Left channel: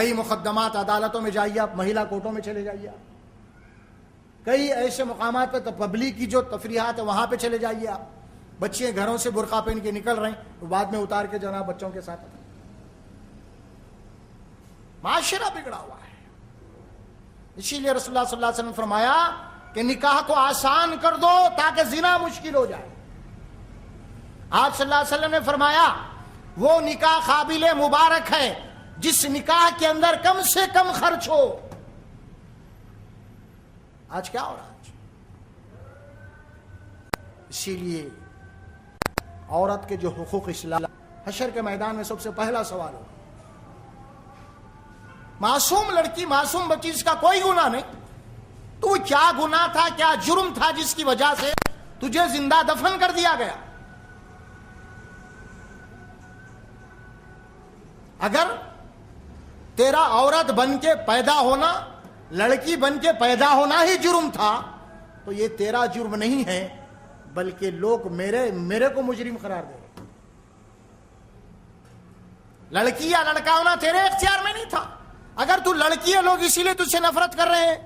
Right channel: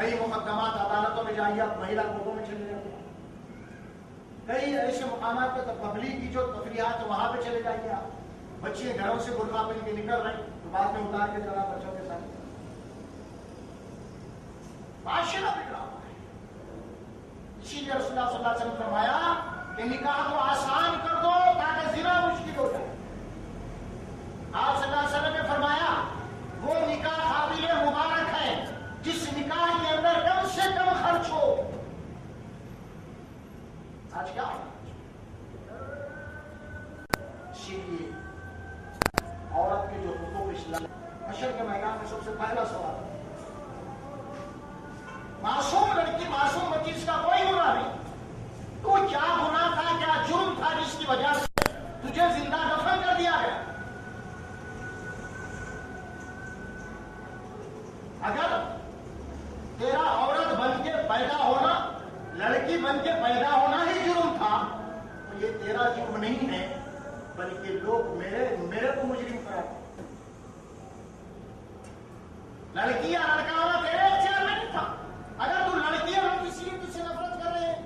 کئی مقدمات عدالتوں میں جائیے آپ، مہیلا کورٹوں میں چلے جائیے آپ، کئی ایسے مقامات پہ پبلک کی جو تفریحات ہے وہاں پہ چلے جائیے آپ، بچے گھروں سے برقع پہن کے نکل رہے ہیں، بعد میں اتار کے جناب بچوں کے ساتھ، معاشرہ بگڑا ہوا ہے۔ اسی لیے رسول اللہ صلی اللہ علیہ وسلم نے فرمایا کہ نکاح کو آسان کر دو تاکہ زنا مشکل ہو جائے۔ آپ صلی اللہ علیہ وسلم نے فرمایا وہ نکاح قابل مبارک ہے جس نکاح کے اندر کم سے کم خرچ ہو۔ آج کیا ہو رہا ہے؟ اسی لیے عورت کے جو حقوق اسلام، حشر کے میدان میں سب سے پہلا سوال ہے، معصوم لڑکی، معصوم بچی، اس کا کوئی گناہ نہیں، تو کیا گناہ تھا، کیا جرم تھا جس کی وجہ سے تجھے زندہ دفن کر دیا گیا؟ اگر تیرا عورت بن کے پیدا ہونا، لڑکی بن کے پیدا ہونا ہی جرم تھا تو یہ تیرا جرم نہیں ہے، بلکہ لوگ میرے کو مجرم قرار دیں۔ لڑکی یا لڑکا ہونا تیرے اختیار میں نہیں تھا، اگر تو لڑکی ہے لوگ اسی لیے تجھ سے نفرت کر رہے ہیں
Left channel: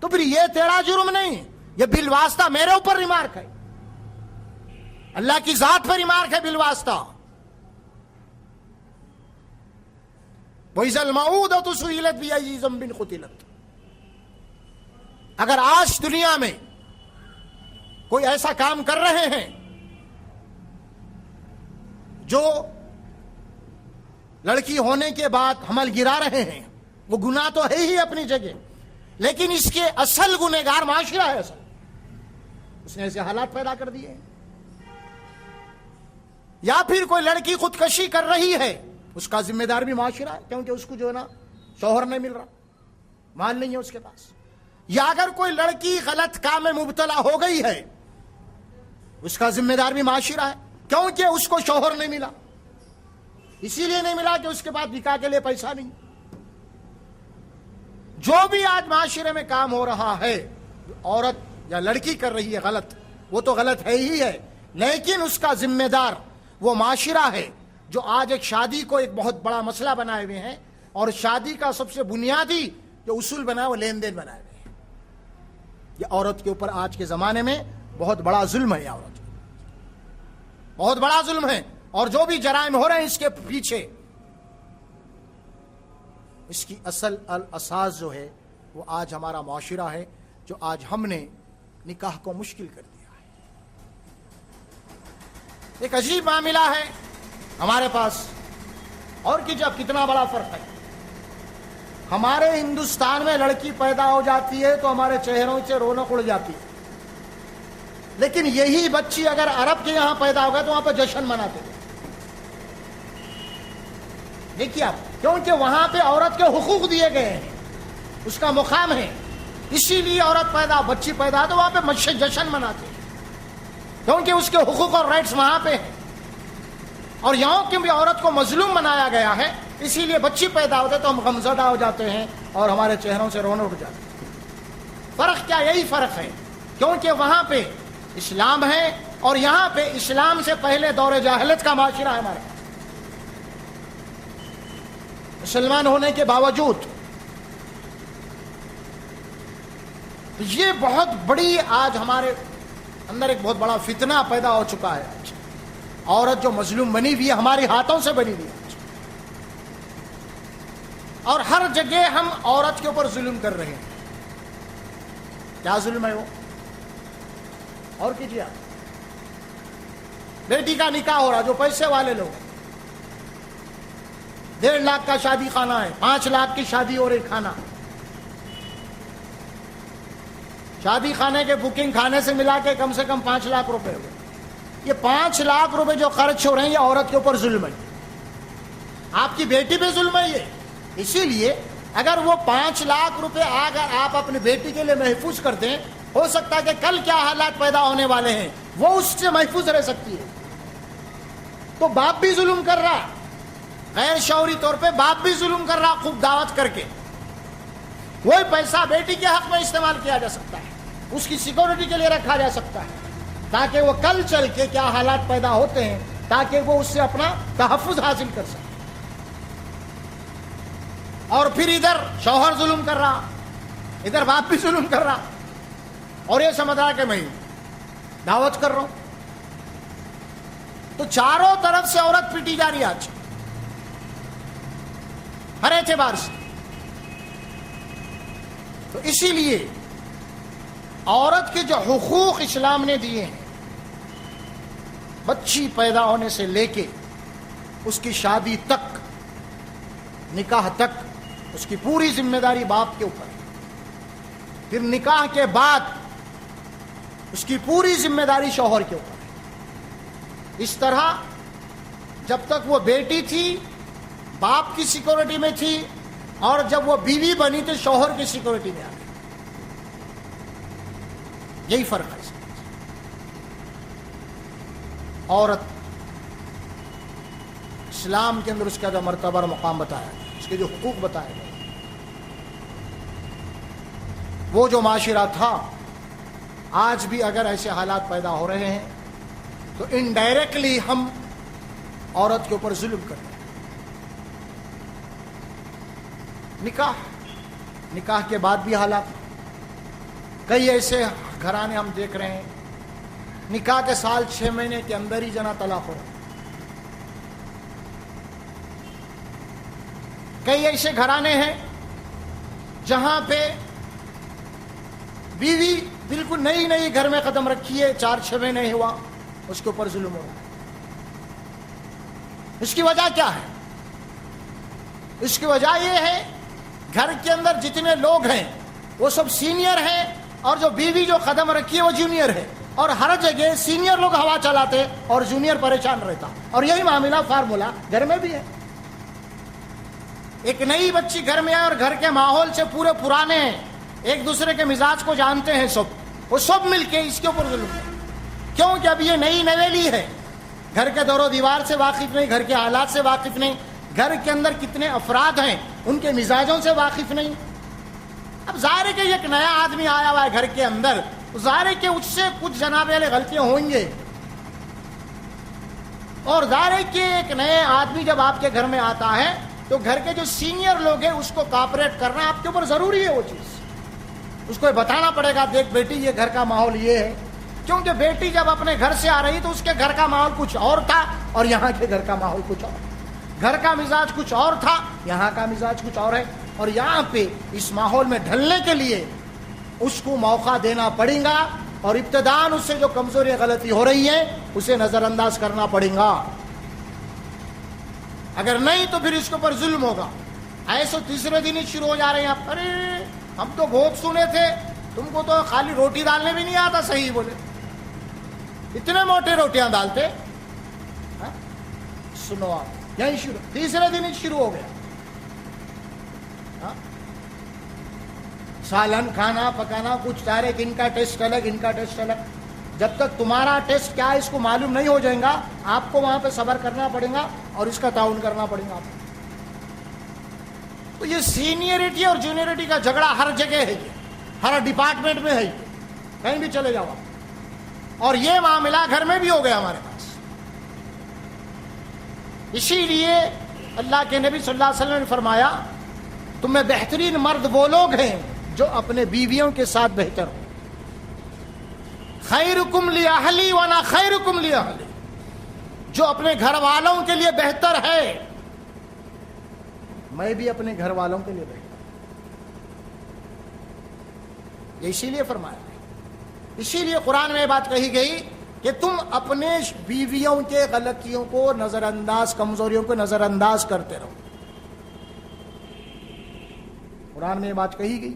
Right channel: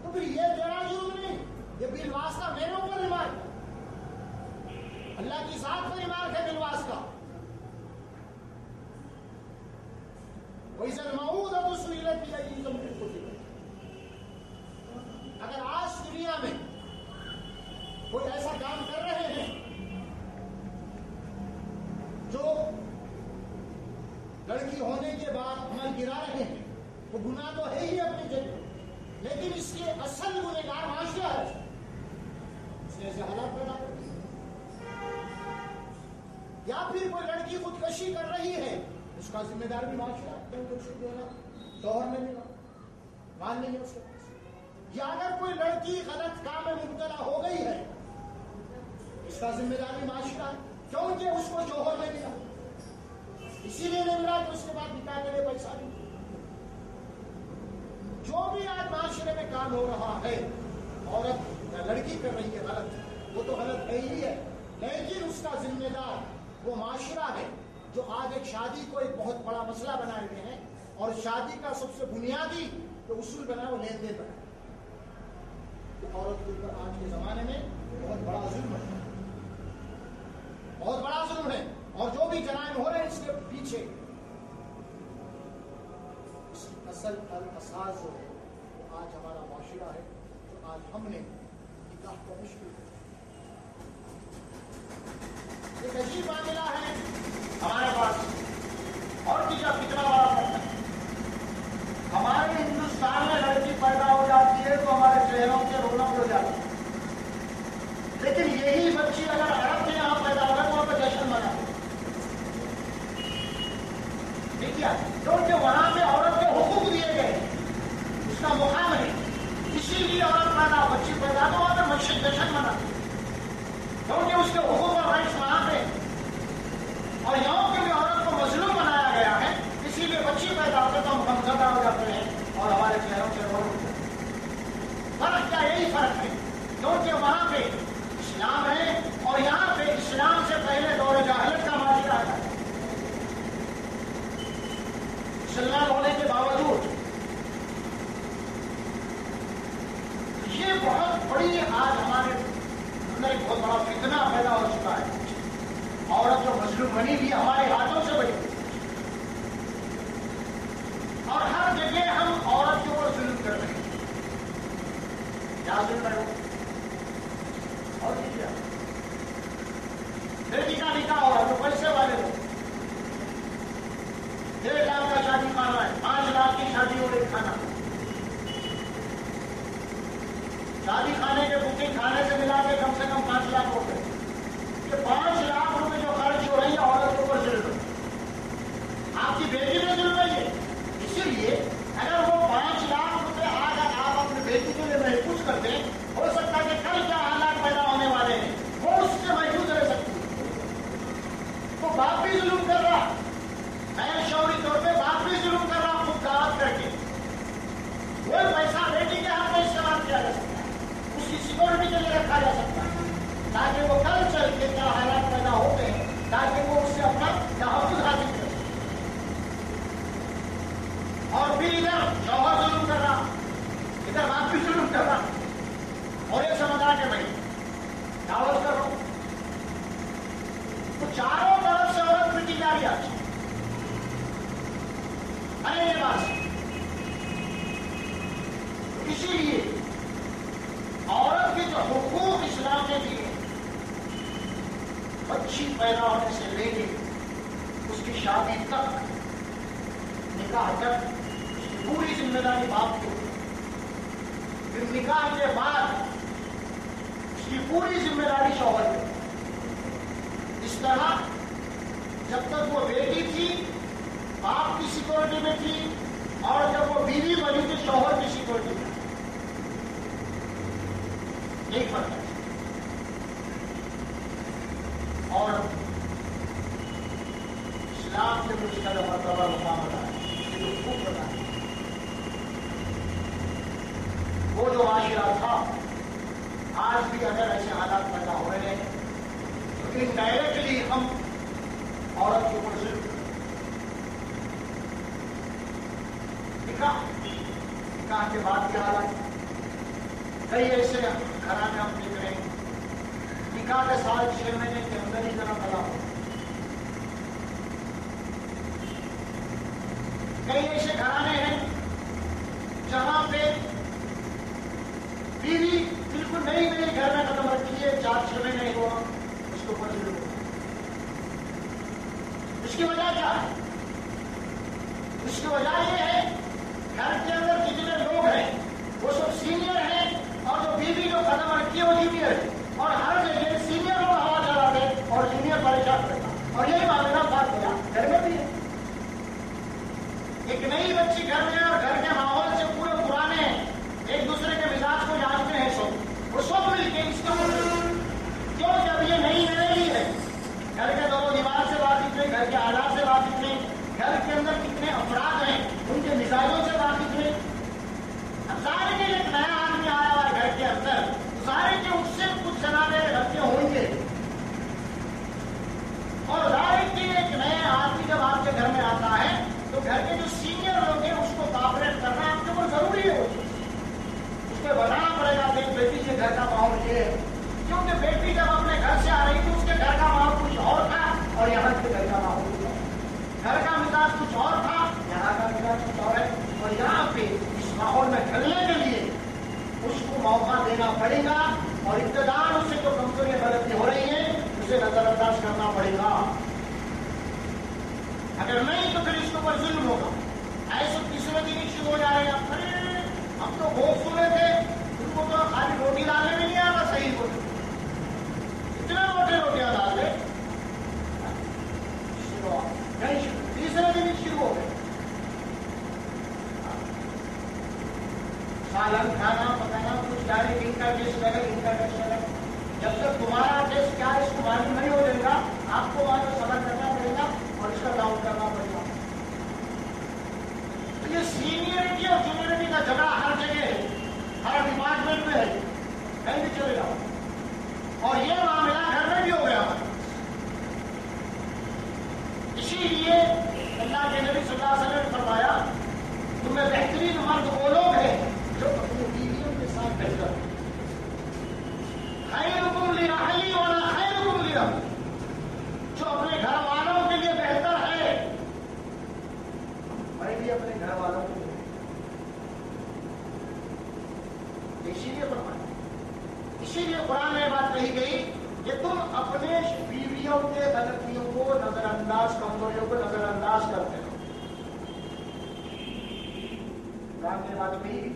تو پھر یہ تیرا جرم نہیں، یہ بالواسطہ میرے اوپر ریمارک ہے، اللہ کی ذات پر ریمارک ہے بالواسطہ۔ وَإِذَا الْمَوْءُودَةُ سُئِلَتْ بِأَيِّ ذَنبٍ قُتِلَتْ۔ اگر آج دنیا میں کوئی ایسا کام کر رہے ہیں جو لڑکی ہونے کے بعد حمل گرا رہے ہیں، وہ گناہ تو ہے ہی اپنی جگہ، لیکن اس کے اصل گنہگار معاشرہ ہے، اس نے ایسے حالات پیدا کر دیے۔ یا پھر کوئی لڑکی خودکشی کر رہی ہے، اس کا ذمہ دار بھی معاشرہ ہے، کیونکہ اس کو جو ہے نا شوہر نہیں مل رہا، مال نہیں ہے اس کے پاس۔ یا اگر کوئی لڑکی غلط کام میں مبتلا ہو گئی ہے، اس کا ذمہ دار بھی معاشرہ ہے، کیونکہ اس کو شوہر نہیں ملا، اسی لیے نہیں ملا کہ اس کے بعد نکاح کے لیے پیسہ نہیں۔ جو بھی آج معاشرے میں کام ہو رہا ہے، عورت یا لڑکی کر رہی ہے غلط، وہ تو غلط ہے ہی ہے، لیکن اس کا ذمہ دار وہ معاشرہ ہے جو آج ایک شادی کو ایک بہت بڑا مسئلہ بنائے ہوئے ہیں، اور شادی کا سب سے بنیادی جو اصول بنا ہے وہ لین دین بنائے ہوئے ہیں۔ یہ عورت کے اوپر آج کے زمانے میں بہت بڑا ظلم ہے، عورت بہت بڑا ظلم ہے، اور جو بھی جرائم ہو رہے ہیں اس کے پیچھے اس کی اصل الاساس جو ہے وہ آج ہمارا معاشرہ ہے، جو آج ہم نے نکاح کو مشکل کر دیا ہے۔ ایک عجیب معاملہ ہے ہمارے پاس، اور کہ جب کتنا بڑا فرق ہے۔ ہمارے ہندوستان میں لڑکی پیدا ہو جاتی ہے تو ہمارے چہروں سے رونق اڑ جاتی ہے، لیکن یہی بچی اگر عرب کے یہاں پیدا ہوگا تو وہاں پہ جشن مناتے ہیں۔ یہ کیا؟ کیونکہ وہاں پہ عورت کے حقوق دیے گئے ہیں، اس کا مقام ہے، اسی لیے عورت پیدا، بچی پیدا تو وہاں پہ جشن مناتے ہیں، کیونکہ اس کے حقوق اور رائٹس وہاں پہ ہیں۔ اور یہاں کی بھی عورت کو مظلوم بنایا گیا ہے، اسی لیے بچی پیدا ہوتے تو ہم غمزدہ ہو جاتے ہیں اور ہمارے چہروں سے رونق اٹھ جاتی ہے۔ فرق کیا؟ یہی فرق ہے، کیونکہ وہاں پہ اسلام ہے اور یہاں پہ اسلام سے پہلے دور جاہلیت کا معاشرہ ہے۔ مسلمان ہونے کے باوجود یہ بہت بڑی آج ہمارے اندر ایک بہت بڑا فتنہ پیدا ہو چکا ہے۔ عورت جو مظلوم بنی ہوئی ہے، ہمارے ہاتھوں سے بنی ہوئی ہے، اور ہر جگہ ہم عورت کے اوپر ظلم کر رہے ہیں۔ کیا ظلم ہے وہ؟ اور کیجیے آپ، بیٹی کا نکاح ہو رہا، جو پیسے والے لوگ، 1.5 لاکھ کا شادی خانہ ہے، 5 لاکھ کی شادی اور ایک خانہ، شادی خانے کے بکنگ کھانے سے ملا کے کم سے کم 5 لاکھ روپے۔ یہ 5 لاکھ روپے جو خرچ ہو رہے ہیں یہ عورت کے اوپر ظلم ہے، آپ کی بیٹی پہ ظلم ہے یہ۔ اسی لیے اگر وہ 5 لاکھ روپے اگر آپ اپنی بیٹی کے لیے محفوظ کرتے ہیں، ہو سکتا ہے کہ کل کیا حالات پیدا ہونے والے ہیں وہ اس سے محفوظ رہ سکتی ہے۔ تو باپ بھی ظلم کر رہا، غیر شعوری طور پہ باپ بھی ظلم کر رہا، خوب دعوت کر کے وہی پیسہ بیٹی کے حق میں استعمال کیا جا سکتا ہے، اس کی سیکورٹی کے لیے رکھا جا سکتا ہے، تاکہ وہ کل چل کے کیا حالات پیدا ہوتے ہیں تاکہ وہ اس سے اپنا تحفظ حاصل کر سکے۔ اور پھر ادھر شوہر ظلم کر رہا، ادھر باپ بھی ظلم کر رہا، اور یہ سمجھ رہا کہ میں دعوت کر رہا ہوں. تو چاروں طرف سے عورت پیٹی جا رہی ہے آج ہر اعتبار سے. تو اسی لیے عورت کے جو حقوق اسلام نے دیے ہیں، بچی پیدا ہونے سے لے کے اس کی شادی تک، نکاح تک، اس کی پوری ذمہ داری باپ کے اوپر، پھر نکاح کے بعد اس کی پوری ذمہ داری شوہر کے اوپر. اس طرح جب تک وہ بیٹی تھی باپ کی سیکورٹی میں تھی، اور جب وہ بیوی بنی تو شوہر کی سیکورٹی میں آئی. یہی فرق ہے. عورت اسلام کے اندر اس کا جو مرتبہ اور مقام بتایا ہے، اس کے جو حقوق بتایا ہے، وہ جو معاشرہ تھا آج بھی اگر ایسے حالات پیدا ہو رہے ہیں تو انڈائریکٹلی ہم عورت کے اوپر ظلم کر رہے ہیں. نکاح کے بعد بھی حالات، کئی ایسے گھرانے ہم دیکھ رہے ہیں نکاح کے سال 6 مہینے کے اندر ہی جنا طلاق ہو. کئی ایسے گھرانے ہیں جہاں پہ بیوی بالکل نئی نئی گھر میں قدم رکھی ہے، 4-6 مہینے ہوا، اس کے اوپر ظلم ہوا. اس کی وجہ کیا ہے؟ اس کی وجہ یہ ہے گھر کے اندر جتنے لوگ ہیں وہ سب سینئر ہیں، اور جو بیوی جو قدم رکھی ہے وہ جونیئر ہے، اور ہر جگہ سینئر لوگ ہوا چلاتے اور جونیئر پریشان رہتا. اور یہی معاملہ فارمولا گھر میں بھی ہے. ایک نئی بچی گھر میں ہے اور گھر کے ماحول سے پورے پرانے ہیں، ایک دوسرے کے مزاج کو جانتے ہیں سب، وہ سب مل کے اس کے اوپر ظلم. کیوں کہ اب یہ نئی نویلی ہے، گھر کے دور و دیوار سے واقف نہیں، گھر کے حالات سے واقف نہیں، گھر کے اندر کتنے افراد ہیں ان کے مزاجوں سے واقف نہیں. اب ظاہر ہے کہ ایک نیا آدمی آیا ہوا ہے گھر کے اندر، ظاہر ہے کہ اس سے کچھ جناب علی غلطیاں ہوئیں گے. اور ظاہر ہے کہ ایک نئے آدمی جب آپ کے گھر میں آتا ہے تو گھر کے جو سینئر لوگ ہیں اس کو کوآپریٹ کرنا آپ کے اوپر ضروری ہے. وہ چیز اس کو بتانا پڑے گا، دیکھ بیٹی یہ گھر کا ماحول یہ ہے. کیونکہ بیٹی جب اپنے گھر سے آ رہی تو اس کے گھر کا ماحول کچھ اور تھا اور یہاں کے گھر کا ماحول کچھ اور. گھر کا مزاج کچھ اور تھا، یہاں کا مزاج کچھ اور ہے. اور یہاں پہ اس ماحول میں ڈھلنے کے لیے اس کو موقع دینا پڑے گا، اور ابتداءً اس سے جو کمزوری غلطی ہو رہی ہے اسے نظر انداز کرنا پڑے گا. اگر نہیں تو پھر اس کے اوپر ظلم ہوگا. ایسے تیسرے دن ہی شروع ہو جا رہے ہیں، ارے ہم تو بھوک سنے تھے، تم کو تو خالی روٹی ڈالنے بھی نہیں آتا. صحیح بولے، اتنے موٹی روٹیاں ڈالتے. سنو یہی تیسرے دن ہی شروع ہو گئے. سالن کھانا پکانا کچھ ڈائریکٹ، ان کا ٹیسٹ الگ، ان کا ٹیسٹ الگ. جب تک تمہارا ٹیسٹ کیا ہے اس کو معلوم نہیں ہو جائے گا، آپ کو وہاں پہ صبر کرنا پڑے گا اور اس کا تعاون کرنا پڑے گا. تو یہ سینئرٹی اور جونیئرٹی کا جھگڑا ہر جگہ ہے، ہر ڈپارٹمنٹ میں ہے، کہیں بھی چلے جاؤ. اور یہ معاملہ گھر میں بھی ہو گیا ہمارے پاس. اسی لیے اللہ کے نبی صلی اللہ علیہ وسلم نے فرمایا تم میں بہترین مرد وہ لوگ ہیں جو اپنے بیویوں کے ساتھ بہتر ہو. خیرکم لأہلی وانا خیرکم لأہلی، جو اپنے گھر والوں کے لیے بہتر ہے میں بھی اپنے گھر والوں کے لیے بہتر. اسی لیے فرمایا، اسی لیے قرآن میں بات کہی گئی کہ تم اپنے بیویوں کے غلطیوں کو نظر انداز، کمزوریوں کو نظر انداز کرتے رہو. قرآن میں یہ بات کہی گئی،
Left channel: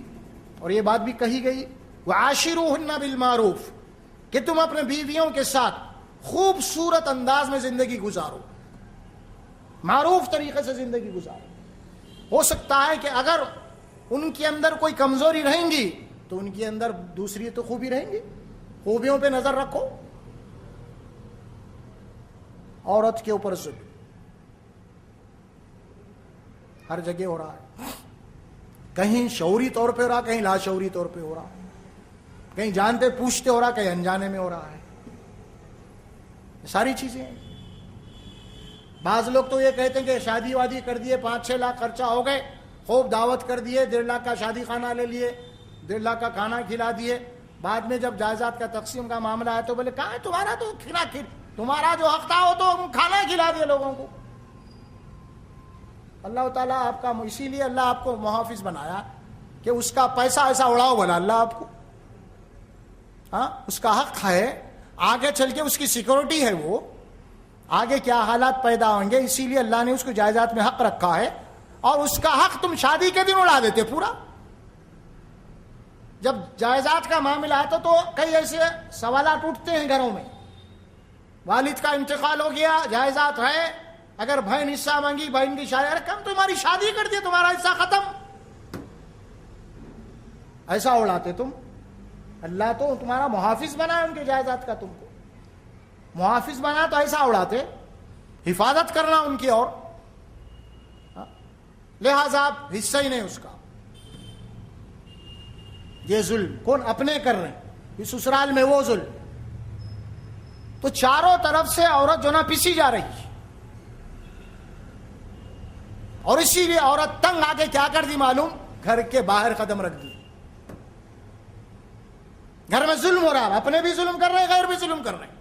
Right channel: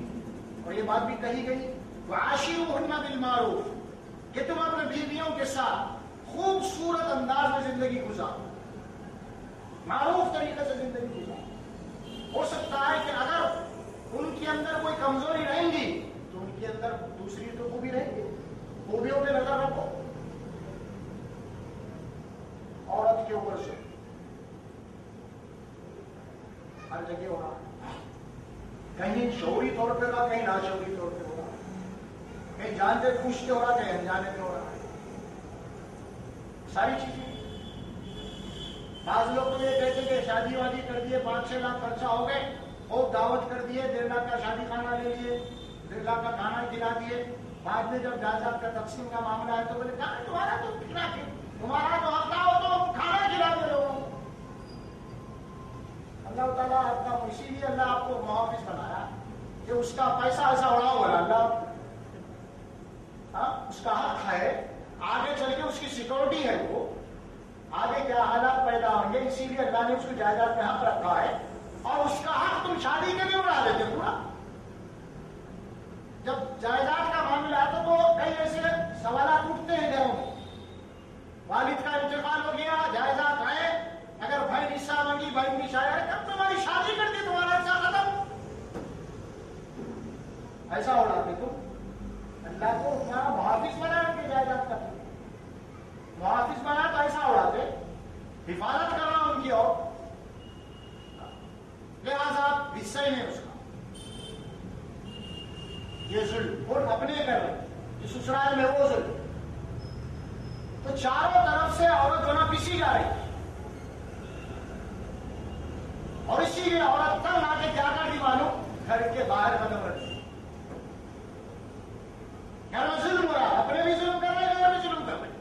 اور یہ بات بھی کہی گئی وَعَاشِرُوهُنَّ بِالْمَعْرُوفِ، کہ تم اپنے بیویوں کے ساتھ خوبصورت انداز میں زندگی گزارو، معروف طریقے سے زندگی گزارو. ہو سکتا ہے کہ اگر ان کے اندر کوئی کمزوری رہیں گی تو ان کے اندر دوسری تو خوبی رہیں گی، خوبیوں پہ نظر رکھو. عورت کے اوپر ظلم ہر جگہ ہو رہا ہے، کہیں شعوری طور پہ ہو رہا، کہیں لاشعوری طور پہ ہو رہا، کہیں جانتے پوچھتے ہو رہا، کہیں انجانے میں ہو رہا ہے. ساری چیزیں. بعض لوگ تو یہ کہتے ہیں کہ شادی وادی کر دیے، 5-6 لاکھ خرچہ ہو گئے، خوب دعوت کر دیے، 1.5 لاکھ کا شادی خانہ لے لیے، 1.5 لاکھ کا کھانا کھلا دیے. بعد میں جب جائیداد کا تقسیم کا معاملہ ہے تو بولے کہاں ہے تمہارا تو تمہارا جو حق تھا وہ تو کھانا ہی کھلا دیا لوگوں کو. اللہ تعالیٰ آپ کا، اسی لیے اللہ آپ کو محافظ بنایا کہ اس کا پیسہ ایسا اڑاؤ بولا اللہ آپ کو. ہاں اس کا حق ہے، آگے چل کے اس کی سیکورٹی ہے، وہ آگے کیا حالات پیدا ہوں گے، اسی لیے اللہ نے اس کو جائیداد میں حق رکھا ہے. اور اس کا حق تم شادی کے دن اڑا دیتے پورا. جب جائیداد کا معاملہ آتا تو کئی ایسے سوالات اٹھتے ہیں گھروں میں. والد کا انتقال ہو گیا، جائیداد ہے، اگر بہن حصہ مانگی، بہن کی شادی، ارے کم تمہاری شادی کر دی، تمہارا حصہ ختم. ایسا اڑاتے تم. اللہ تو تمہارا محافظ بنا ہے ان کے جائیداد کا، تم محافظ بنا تو ایسا اڑاتے. حفاظت کرنا ان کی، اور لہذا آپ حصہ ہی نہیں اس کا. یہ ظلم کون اپنے کر رہے ہیں، سسرال میں وہ ظلم. تو چاروں طرف سے عورت جو نا پسی جا رہی ہے، اور اسی لیے عورت تنگ آ کے کیا کر دی معلوم، گھر کے باہر قدم رکھ دی. گھر میں ظلم ہو رہا ہے، اپنے بھی ظلم کر رہے ہیں، غیر بھی ظلم کر رہے ہیں.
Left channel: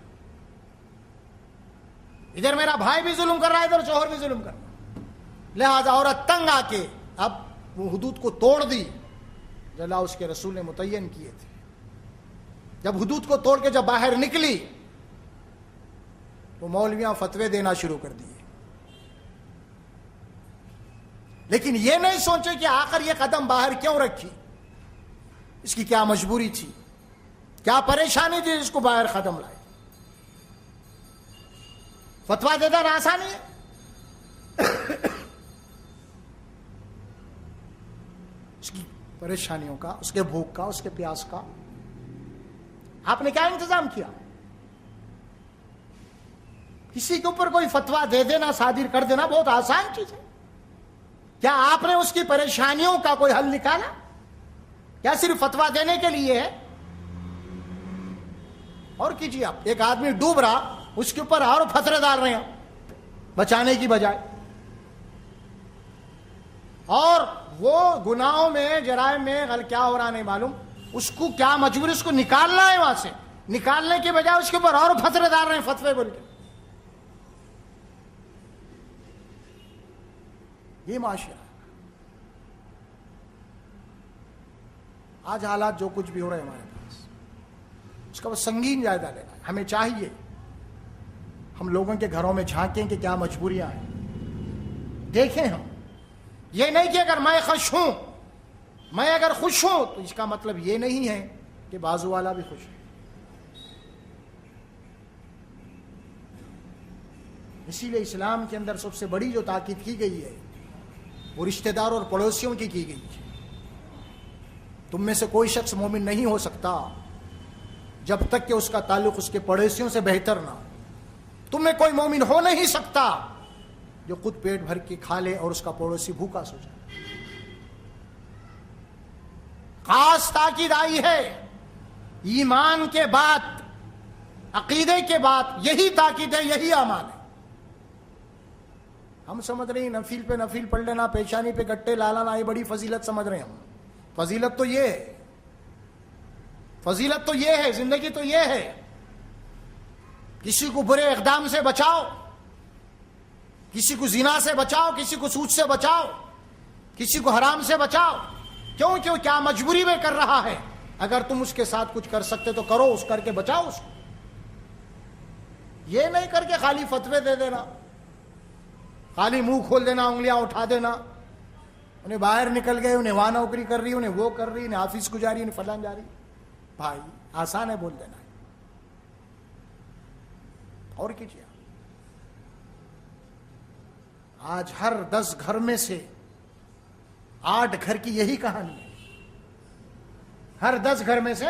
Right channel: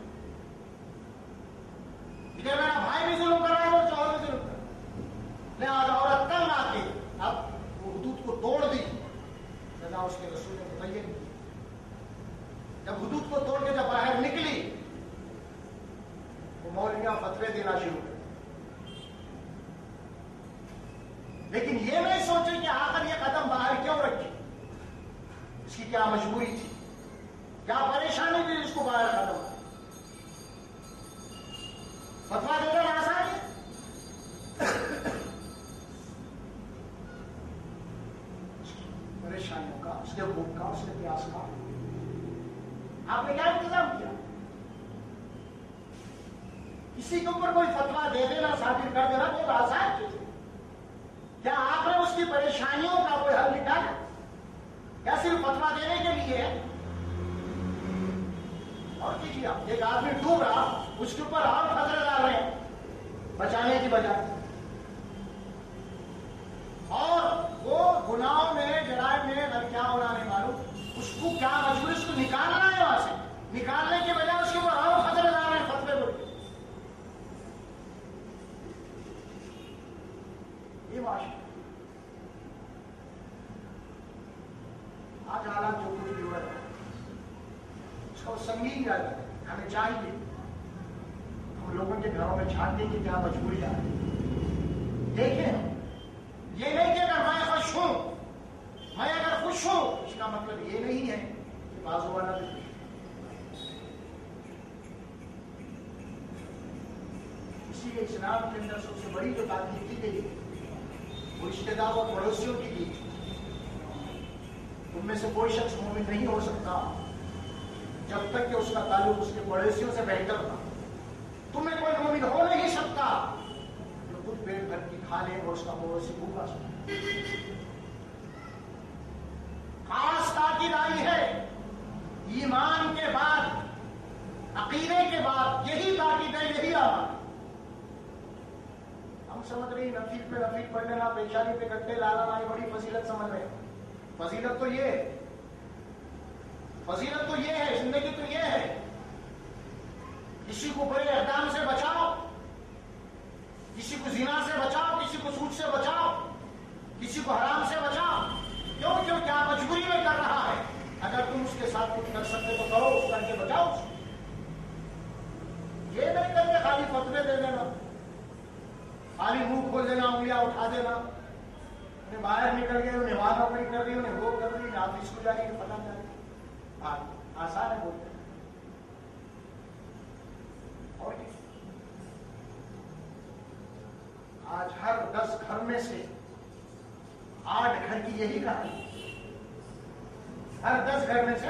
ادھر میرا بھائی بھی ظلم کر رہا ہے، ادھر شوہر بھی ظلم کر رہا ہے. لہذا عورت تنگ آ کے اب وہ حدود کو توڑ دی جو اللہ اس کے رسول نے متعین کیے تھے. جب حدود کو توڑ کے جب باہر نکلی تو مولویاں فتوے دینا شروع کر دیے. لیکن یہ نہیں سوچے کہ آخر یہ قدم باہر کیوں رکھی، اس کی کیا مجبوری تھی، کیا پریشانی تھی اس کو باہر قدم لائے. فتوا دینا آسان ہے، اس کی پریشانیوں کا، اس کے بھوک کا، اس کے پیاس کا آپ نے کیا انتظام کیا. کسی کے اوپر کوئی فتوا دے دینا، صادر کر دینا بہت آسان چیز ہے. کیا آپ نے اس کی پریشانیوں کا کوئی حل نکالا؟ کیا صرف فتوا دینے کے لیے ہے؟ اور کیجیے آپ. ایک آدمی ڈوب رہا، اس کے اوپر اور فتوے ڈال رہے ہیں بچانے کی بجائے، اور وہ گناہوں میں، جرائم میں کیا ہو رہا نہیں معلوم. اس کو کیا مجبوری، اس کو نکالنا ہے وہاں سے، نکالنے کی بجائے اس کے اوپر اور فتوے ڈال رہے ہیں، فتوے بول کے. یہ معاشرہ آج حالات جو کچھ بھی ہو رہے ہیں ہمارے پاس، اس کا وہ سنگین جائزہ لینا ہے. ہمیں چاہیے ہم لوگوں کے گھروں میں جھانکیں کہ کیا مجبوریاں ہیں، دیکھیں ہم. یہ نہیں کہ اگر میں خوش ہوں، میں اگر خوش ہوں تو اس کا مطلب یہ نہیں ہے کہ بازو والا بھی خوش ہے. اسی لیے اسلام کے اندر سب سے بڑی جو تاکید کی گئی ہے وہ رشتہ دار اور پڑوسیوں کی گئی ہے. تم میں سے کوئی شخص مومن نہیں ہو سکتا جب تک کہ اس کا تعلق اس کے پڑوسیوں سے بہتر نہ ہو. تم میں کوئی مومن ہو نہیں سکتا جو خود پیٹ بھر کے کھا لے اور اس کا پڑوسی بھوکا سو جائے. خاص تاکید آئی ہے ایمان کے بعد، عقیدے کے بعد، یہی تاکید ہے، یہی امان ہے. ہم سمجھ رہے ہیں نفل پہ نفل پڑھ لینا، پیشانی پہ گٹے لانا، یہ بڑی فضیلت سمجھ رہے ہیں ہم. فضیلت تو یہ ہے، فضیلت تو یہ ہے، زندگی تو یہ ہے. کسی کو برے اقدام سے بچاؤ، کسی کو زنا سے بچاؤ، کسی کو سود سے بچاؤ، کسی کو حرام سے بچاؤ. کیوں کیا مجبوری میں کر رہا ہے؟ اگر تم اس کے ساتھ کچھ کر سکتے تو کرو، اس کر کے بچاؤ اس کو. یہ نہیں کر کے خالی فتوے دے دینا، خالی منہ کھول دینا، انگلیاں اٹھا دینا. انہیں باہر نکل گئے، انہیں وہاں نوکری کر رہی، انہیں وہ کر رہی، انہیں آفس کو جا رہی، انہیں فلان جا رہی. بھائی آسان ہے بول دینا. اور کیا آج ہر 10 گھر میں سے 8 گھر کی یہی کہانی ہے. ہر 10 گھر میں سے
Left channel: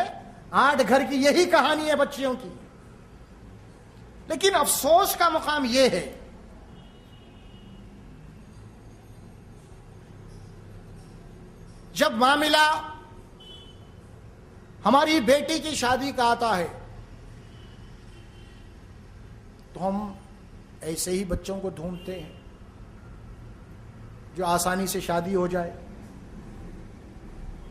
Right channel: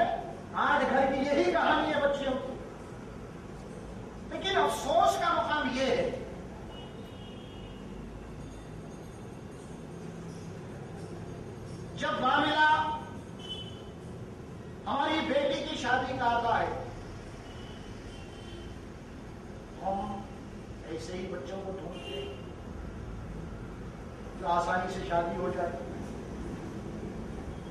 8 گھر کی یہی کہانی ہے بچیوں کی. لیکن افسوس کا مقام یہ ہے جب معاملہ ہماری بیٹی کی شادی کا آتا ہے تو ہم ایسے ہی بچوں کو ڈھونڈتے ہیں جو آسانی سے شادی ہو جائے.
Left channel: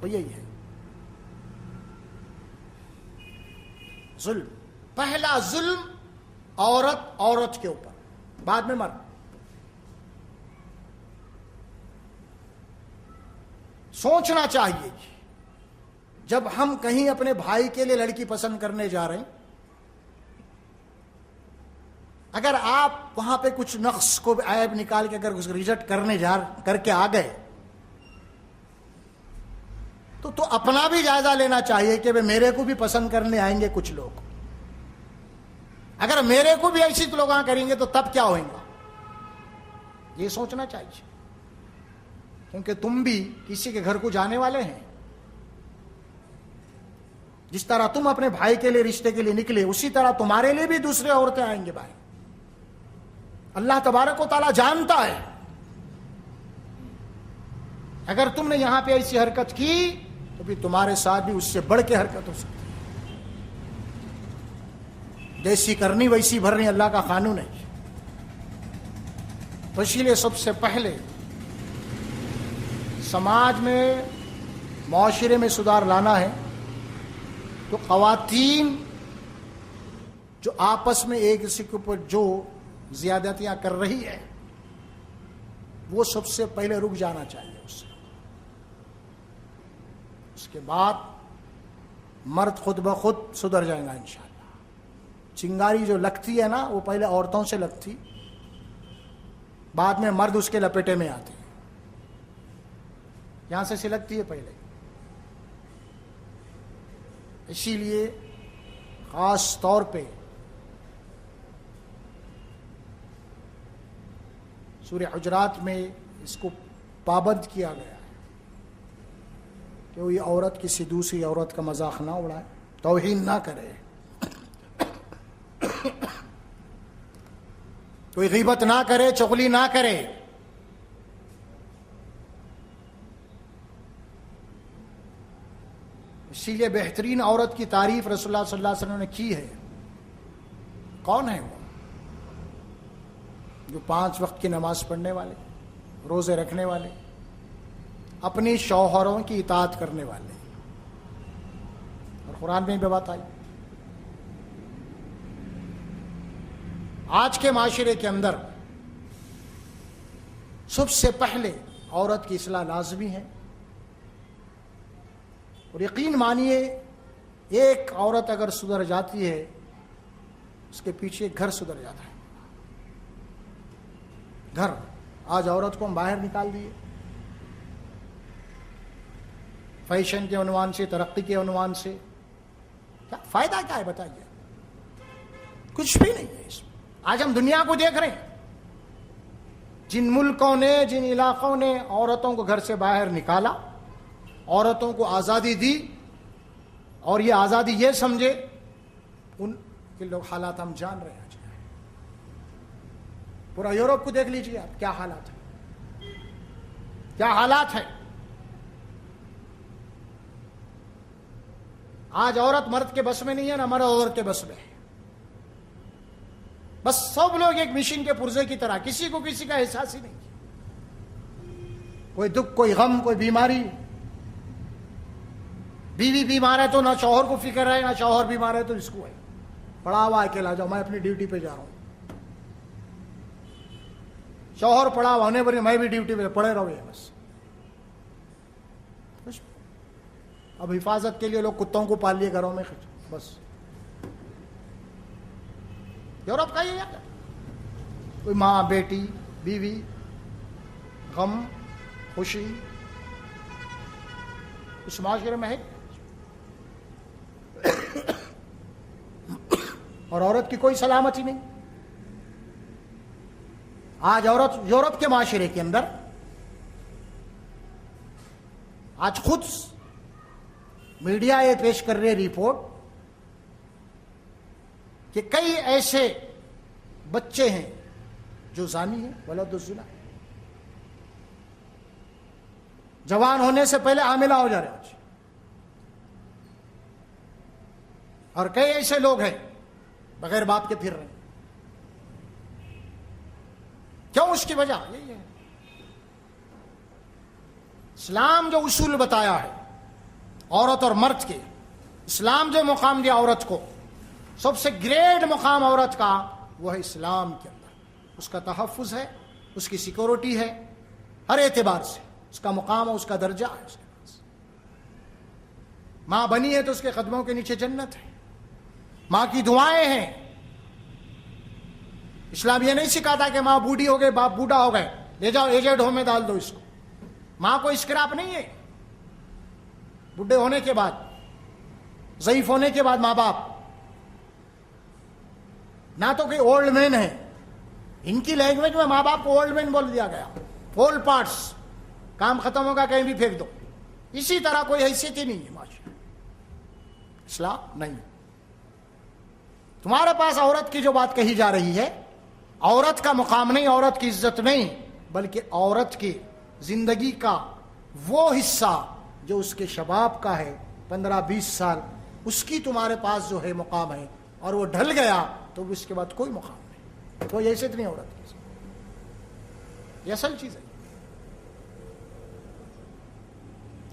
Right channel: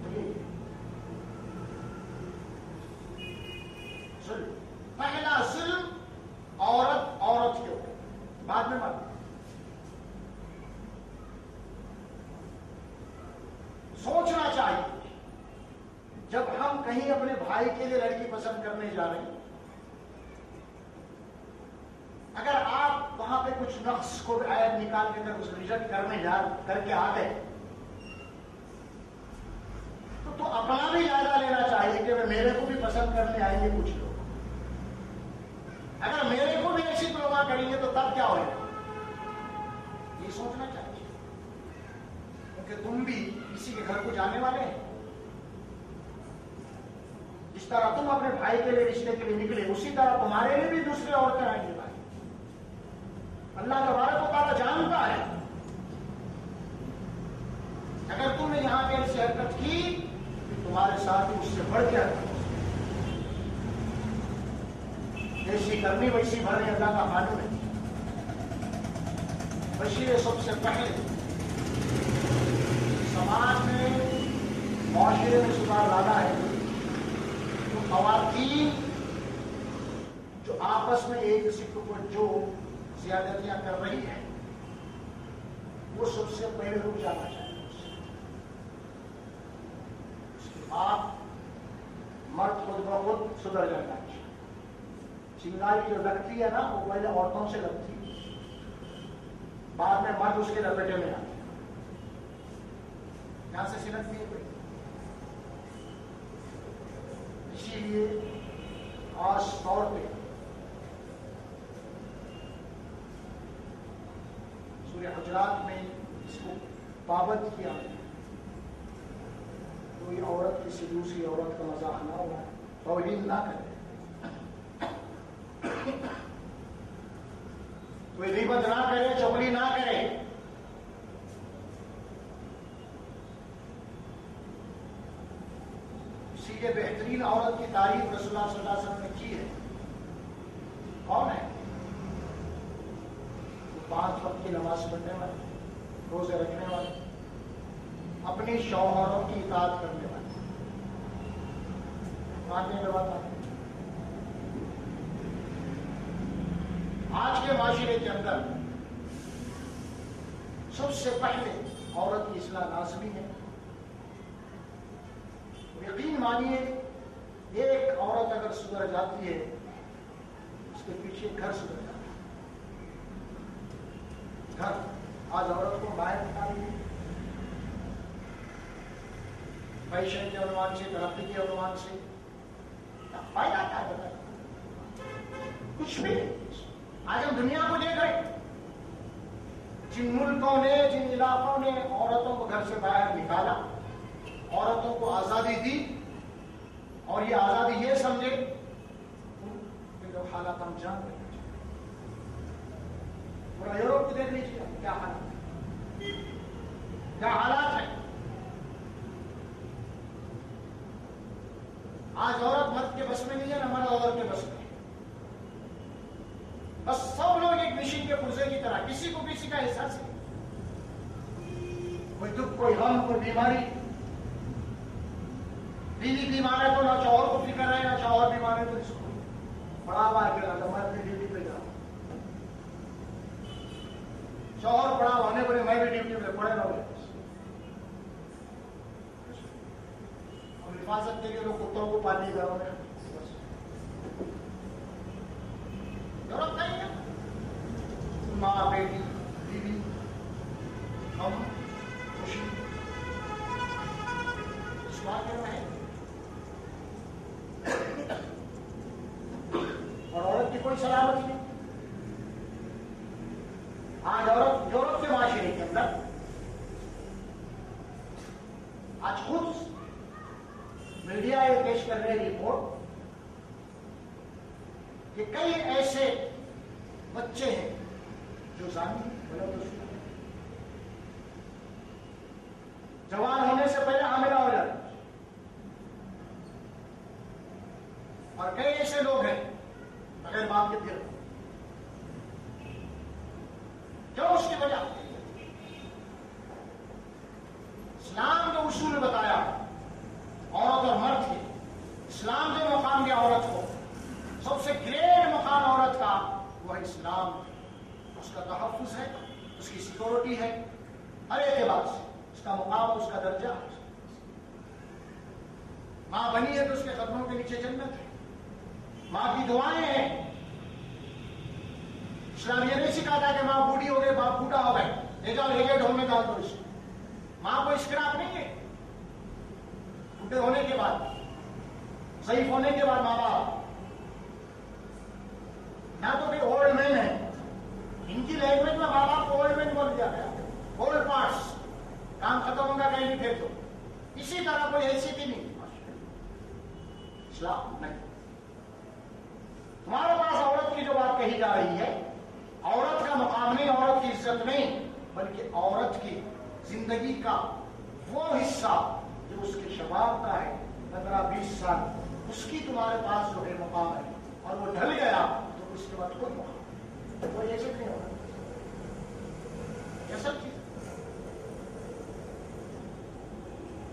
وہ یہی ہے ظلم. پہلا ظلم عورت کے اوپر، بعد میں مرد. سوچنا چاہیے جب ہم کہیں اپنے بھائی کے لیے لڑکی پسند کرنے جا رہے ہیں، اگر آپ وہاں پہ کچھ نقص کو عیب نکال کے اگر ریجیکٹ کر کے آ گئے تو اپنا بھی جائزہ لینا چاہیے کہ میرے کو بھی پسند کرنے آئیں گے کچھ لوگ. اگر میرے کو بھی ایسی لوگ کریں گے تو تب کیا ہوئے گا، یہ سوچنا چاہیے. کیونکہ تم بھی کسی کے گھر کو جانے والے ہیں. جس طرح تم اپنے بھائی کے لیے رشتے کے لیے نکلے، اسی طرح تمہارے لیے بھی دوسرے عورتیں آئیں گے بھائی. اللہ تبارک و تعالیٰ جانتا ہے. اگر تم نے یہاں پہ ایسی حرکت کی تو پھر تمہارے ساتھ بھی اس سے بڑھ کے حرکت ہو سکتی. جیسی کرنی ویسی بھرنی اللہ کا قانون ہے. اسی لیے سب سے پہلے سماج میں، معاشرے میں سدھار لانا ہے تو خواتین جو آپس میں ایک دوسرے کے اوپر جو زیادتیاں کر رہی ہے وہ سب سے پہلے رک جانا چاہیے. اس کے بعد مرد خود بخود سدھر جائے گا انشاءاللہ. چنگاری جو لگتی ہے نا وہ پہلے عورتوں سے لگتی، بعد میں مرد اس کے لپیٹے میں آتے ہیں. یہاں سے لگتی ہے پہلے. اسی لیے خاص طور پہ سورہ حجرات میں اس کو پابند کیا گیا کہ یہ عورت کسی دوسری عورت کا مذاق نہ اڑائے، توہین نہ کرے، کوئی غیبت نہ کرے، چغلی نہ کرے. اسی لیے بہترین عورت کی تعریف رسول اللہ صلی اللہ علیہ وسلم نے کی ہے. کون ہے وہ 5 وقت کی نماز پڑھنے والے، روزے رکھنے والے، اپنی شوہروں کی اطاعت کرنے والے. قرآن میں بھی بات آئی. آج کے معاشرے کے اندر سب سے پہلے عورت کی اصلاح لازمی ہے. اور یقین مانیے ایک عورت اگر سدھر جاتی ہے اس کے پیچھے گھر سدھر جاتا ہے. گھر آج عورت کو ہم باہر نکال دیے فیشن کے عنوان سے، ترقی کے عنوان سے. کیا فائدہ کیا ہے بتائیے؟ کچھ بھی نہیں ہے اس میں. آج ہم دنیا کو دیکھ رہے ہیں، جن ملکوں نے، جن علاقوں نے عورتوں کو گھر سے باہر نکالا، عورتوں کو آزادی دی، اور یہ آزادی یہ سمجھے، ان کے لوگ حالات ہم جان رہے ہیں. پورا یورپ کو دیکھ لیجیے آپ، کیا حالات ہیں، کیا حالات ہیں. آج عورت مرد کے بس میں نہیں ہے، نہ مرد عورت کے بس میں ہے. بس سب لوگ ایک مشین کے پرزے کی طرح، کسی کو کسی کا احساس ہی نہیں. کوئی دکھ، کوئی غم، کوئی بیماری. بیوی بیمار ہے تو نہ شوہر کو فکر ہے، نہ شوہر بیمار ہے تو اس کو ہے. پڑا ہوا اکیلا جاؤ، میں اپنی ڈیوٹی پہ جا رہا ہوں. شوہر پڑا ہوا ہونے پر میں بھی ڈیوٹی پہ، پڑے رہو. بس اب حفاظت کے لیے لوگ کتوں کو پال لیے گھروں میں. بس یورپ کا ہی ہے. کوئی ماں، بیٹی، بیوی، غم، خوشی اس معاشرے میں ہے. اور عورت کی کوئی سلامتی نہیں. آج عورت یورپ کے معاشرے کے اندر آج خود میڈیا یہ پیش کر رہے رپورٹ کہ کئی ایسے بچے ہیں جو زانی ہیں، ولد الزنا، جوان ہونے سے پہلے حاملہ ہو جا رہے ہیں. اور کئی ایسے لوگ ہیں بغیر باپ کے پھر رہے ہیں. کیوں؟ اس کی وجہ اسلام جو اصول بتایا ہے عورت اور مرد کے، اسلام جو مقام دیا عورت کو، سب سے گریٹ مقام عورت کا وہ ہے اسلام کے اندر، اس کا تحفظ ہے، اس کی سیکورٹی ہے، ہر اعتبار سے اس کا مقام، اس کا درجہ ہے۔ ماں بنی ہے تو اس کے قدموں کے نیچے جنت ہے، ماں کی دعائیں ہیں۔ اسلام یہ نہیں سکھاتا کہ ماں بوڑھی ہو گئی، باپ بوڑھا ہو گئے، لے جاؤ ایجنٹ ہوم میں ڈال دو اس کو۔ ماں کو اسکراپ نہیں ہے، بوڑھے ہونے کے بعد، ضعیف ہونے کے بعد ماں باپ نہ تو کہ اولڈ مین ہے، ان کی لینگویج میں ماں باپ کو اولڈ مین بول دیا گیا، اولڈ پارٹس، کام ختم ہوگا کہیں بھی پھینک دو، اسی طرح کوئی حیثیت ہی نہیں ہے۔ اسلام نہیں، تمہارے پاس عورت کی جو بات کہی جا رہی ہے، عورت کا مقام نہیں، عورت کی عزت نہیں، بلکہ عورت کی زندگی کا وہ حصہ جو اس کے شباب کا ہے، 15-20 سال، اس کی تمہارے پاس جو ہے مقام ہے، اور وہ ڈھل گیا تو اس کے بعد کوئی مقام نہیں، کوئی حیثیت نہیں ہوگا۔ یہ اصل چیز ہے،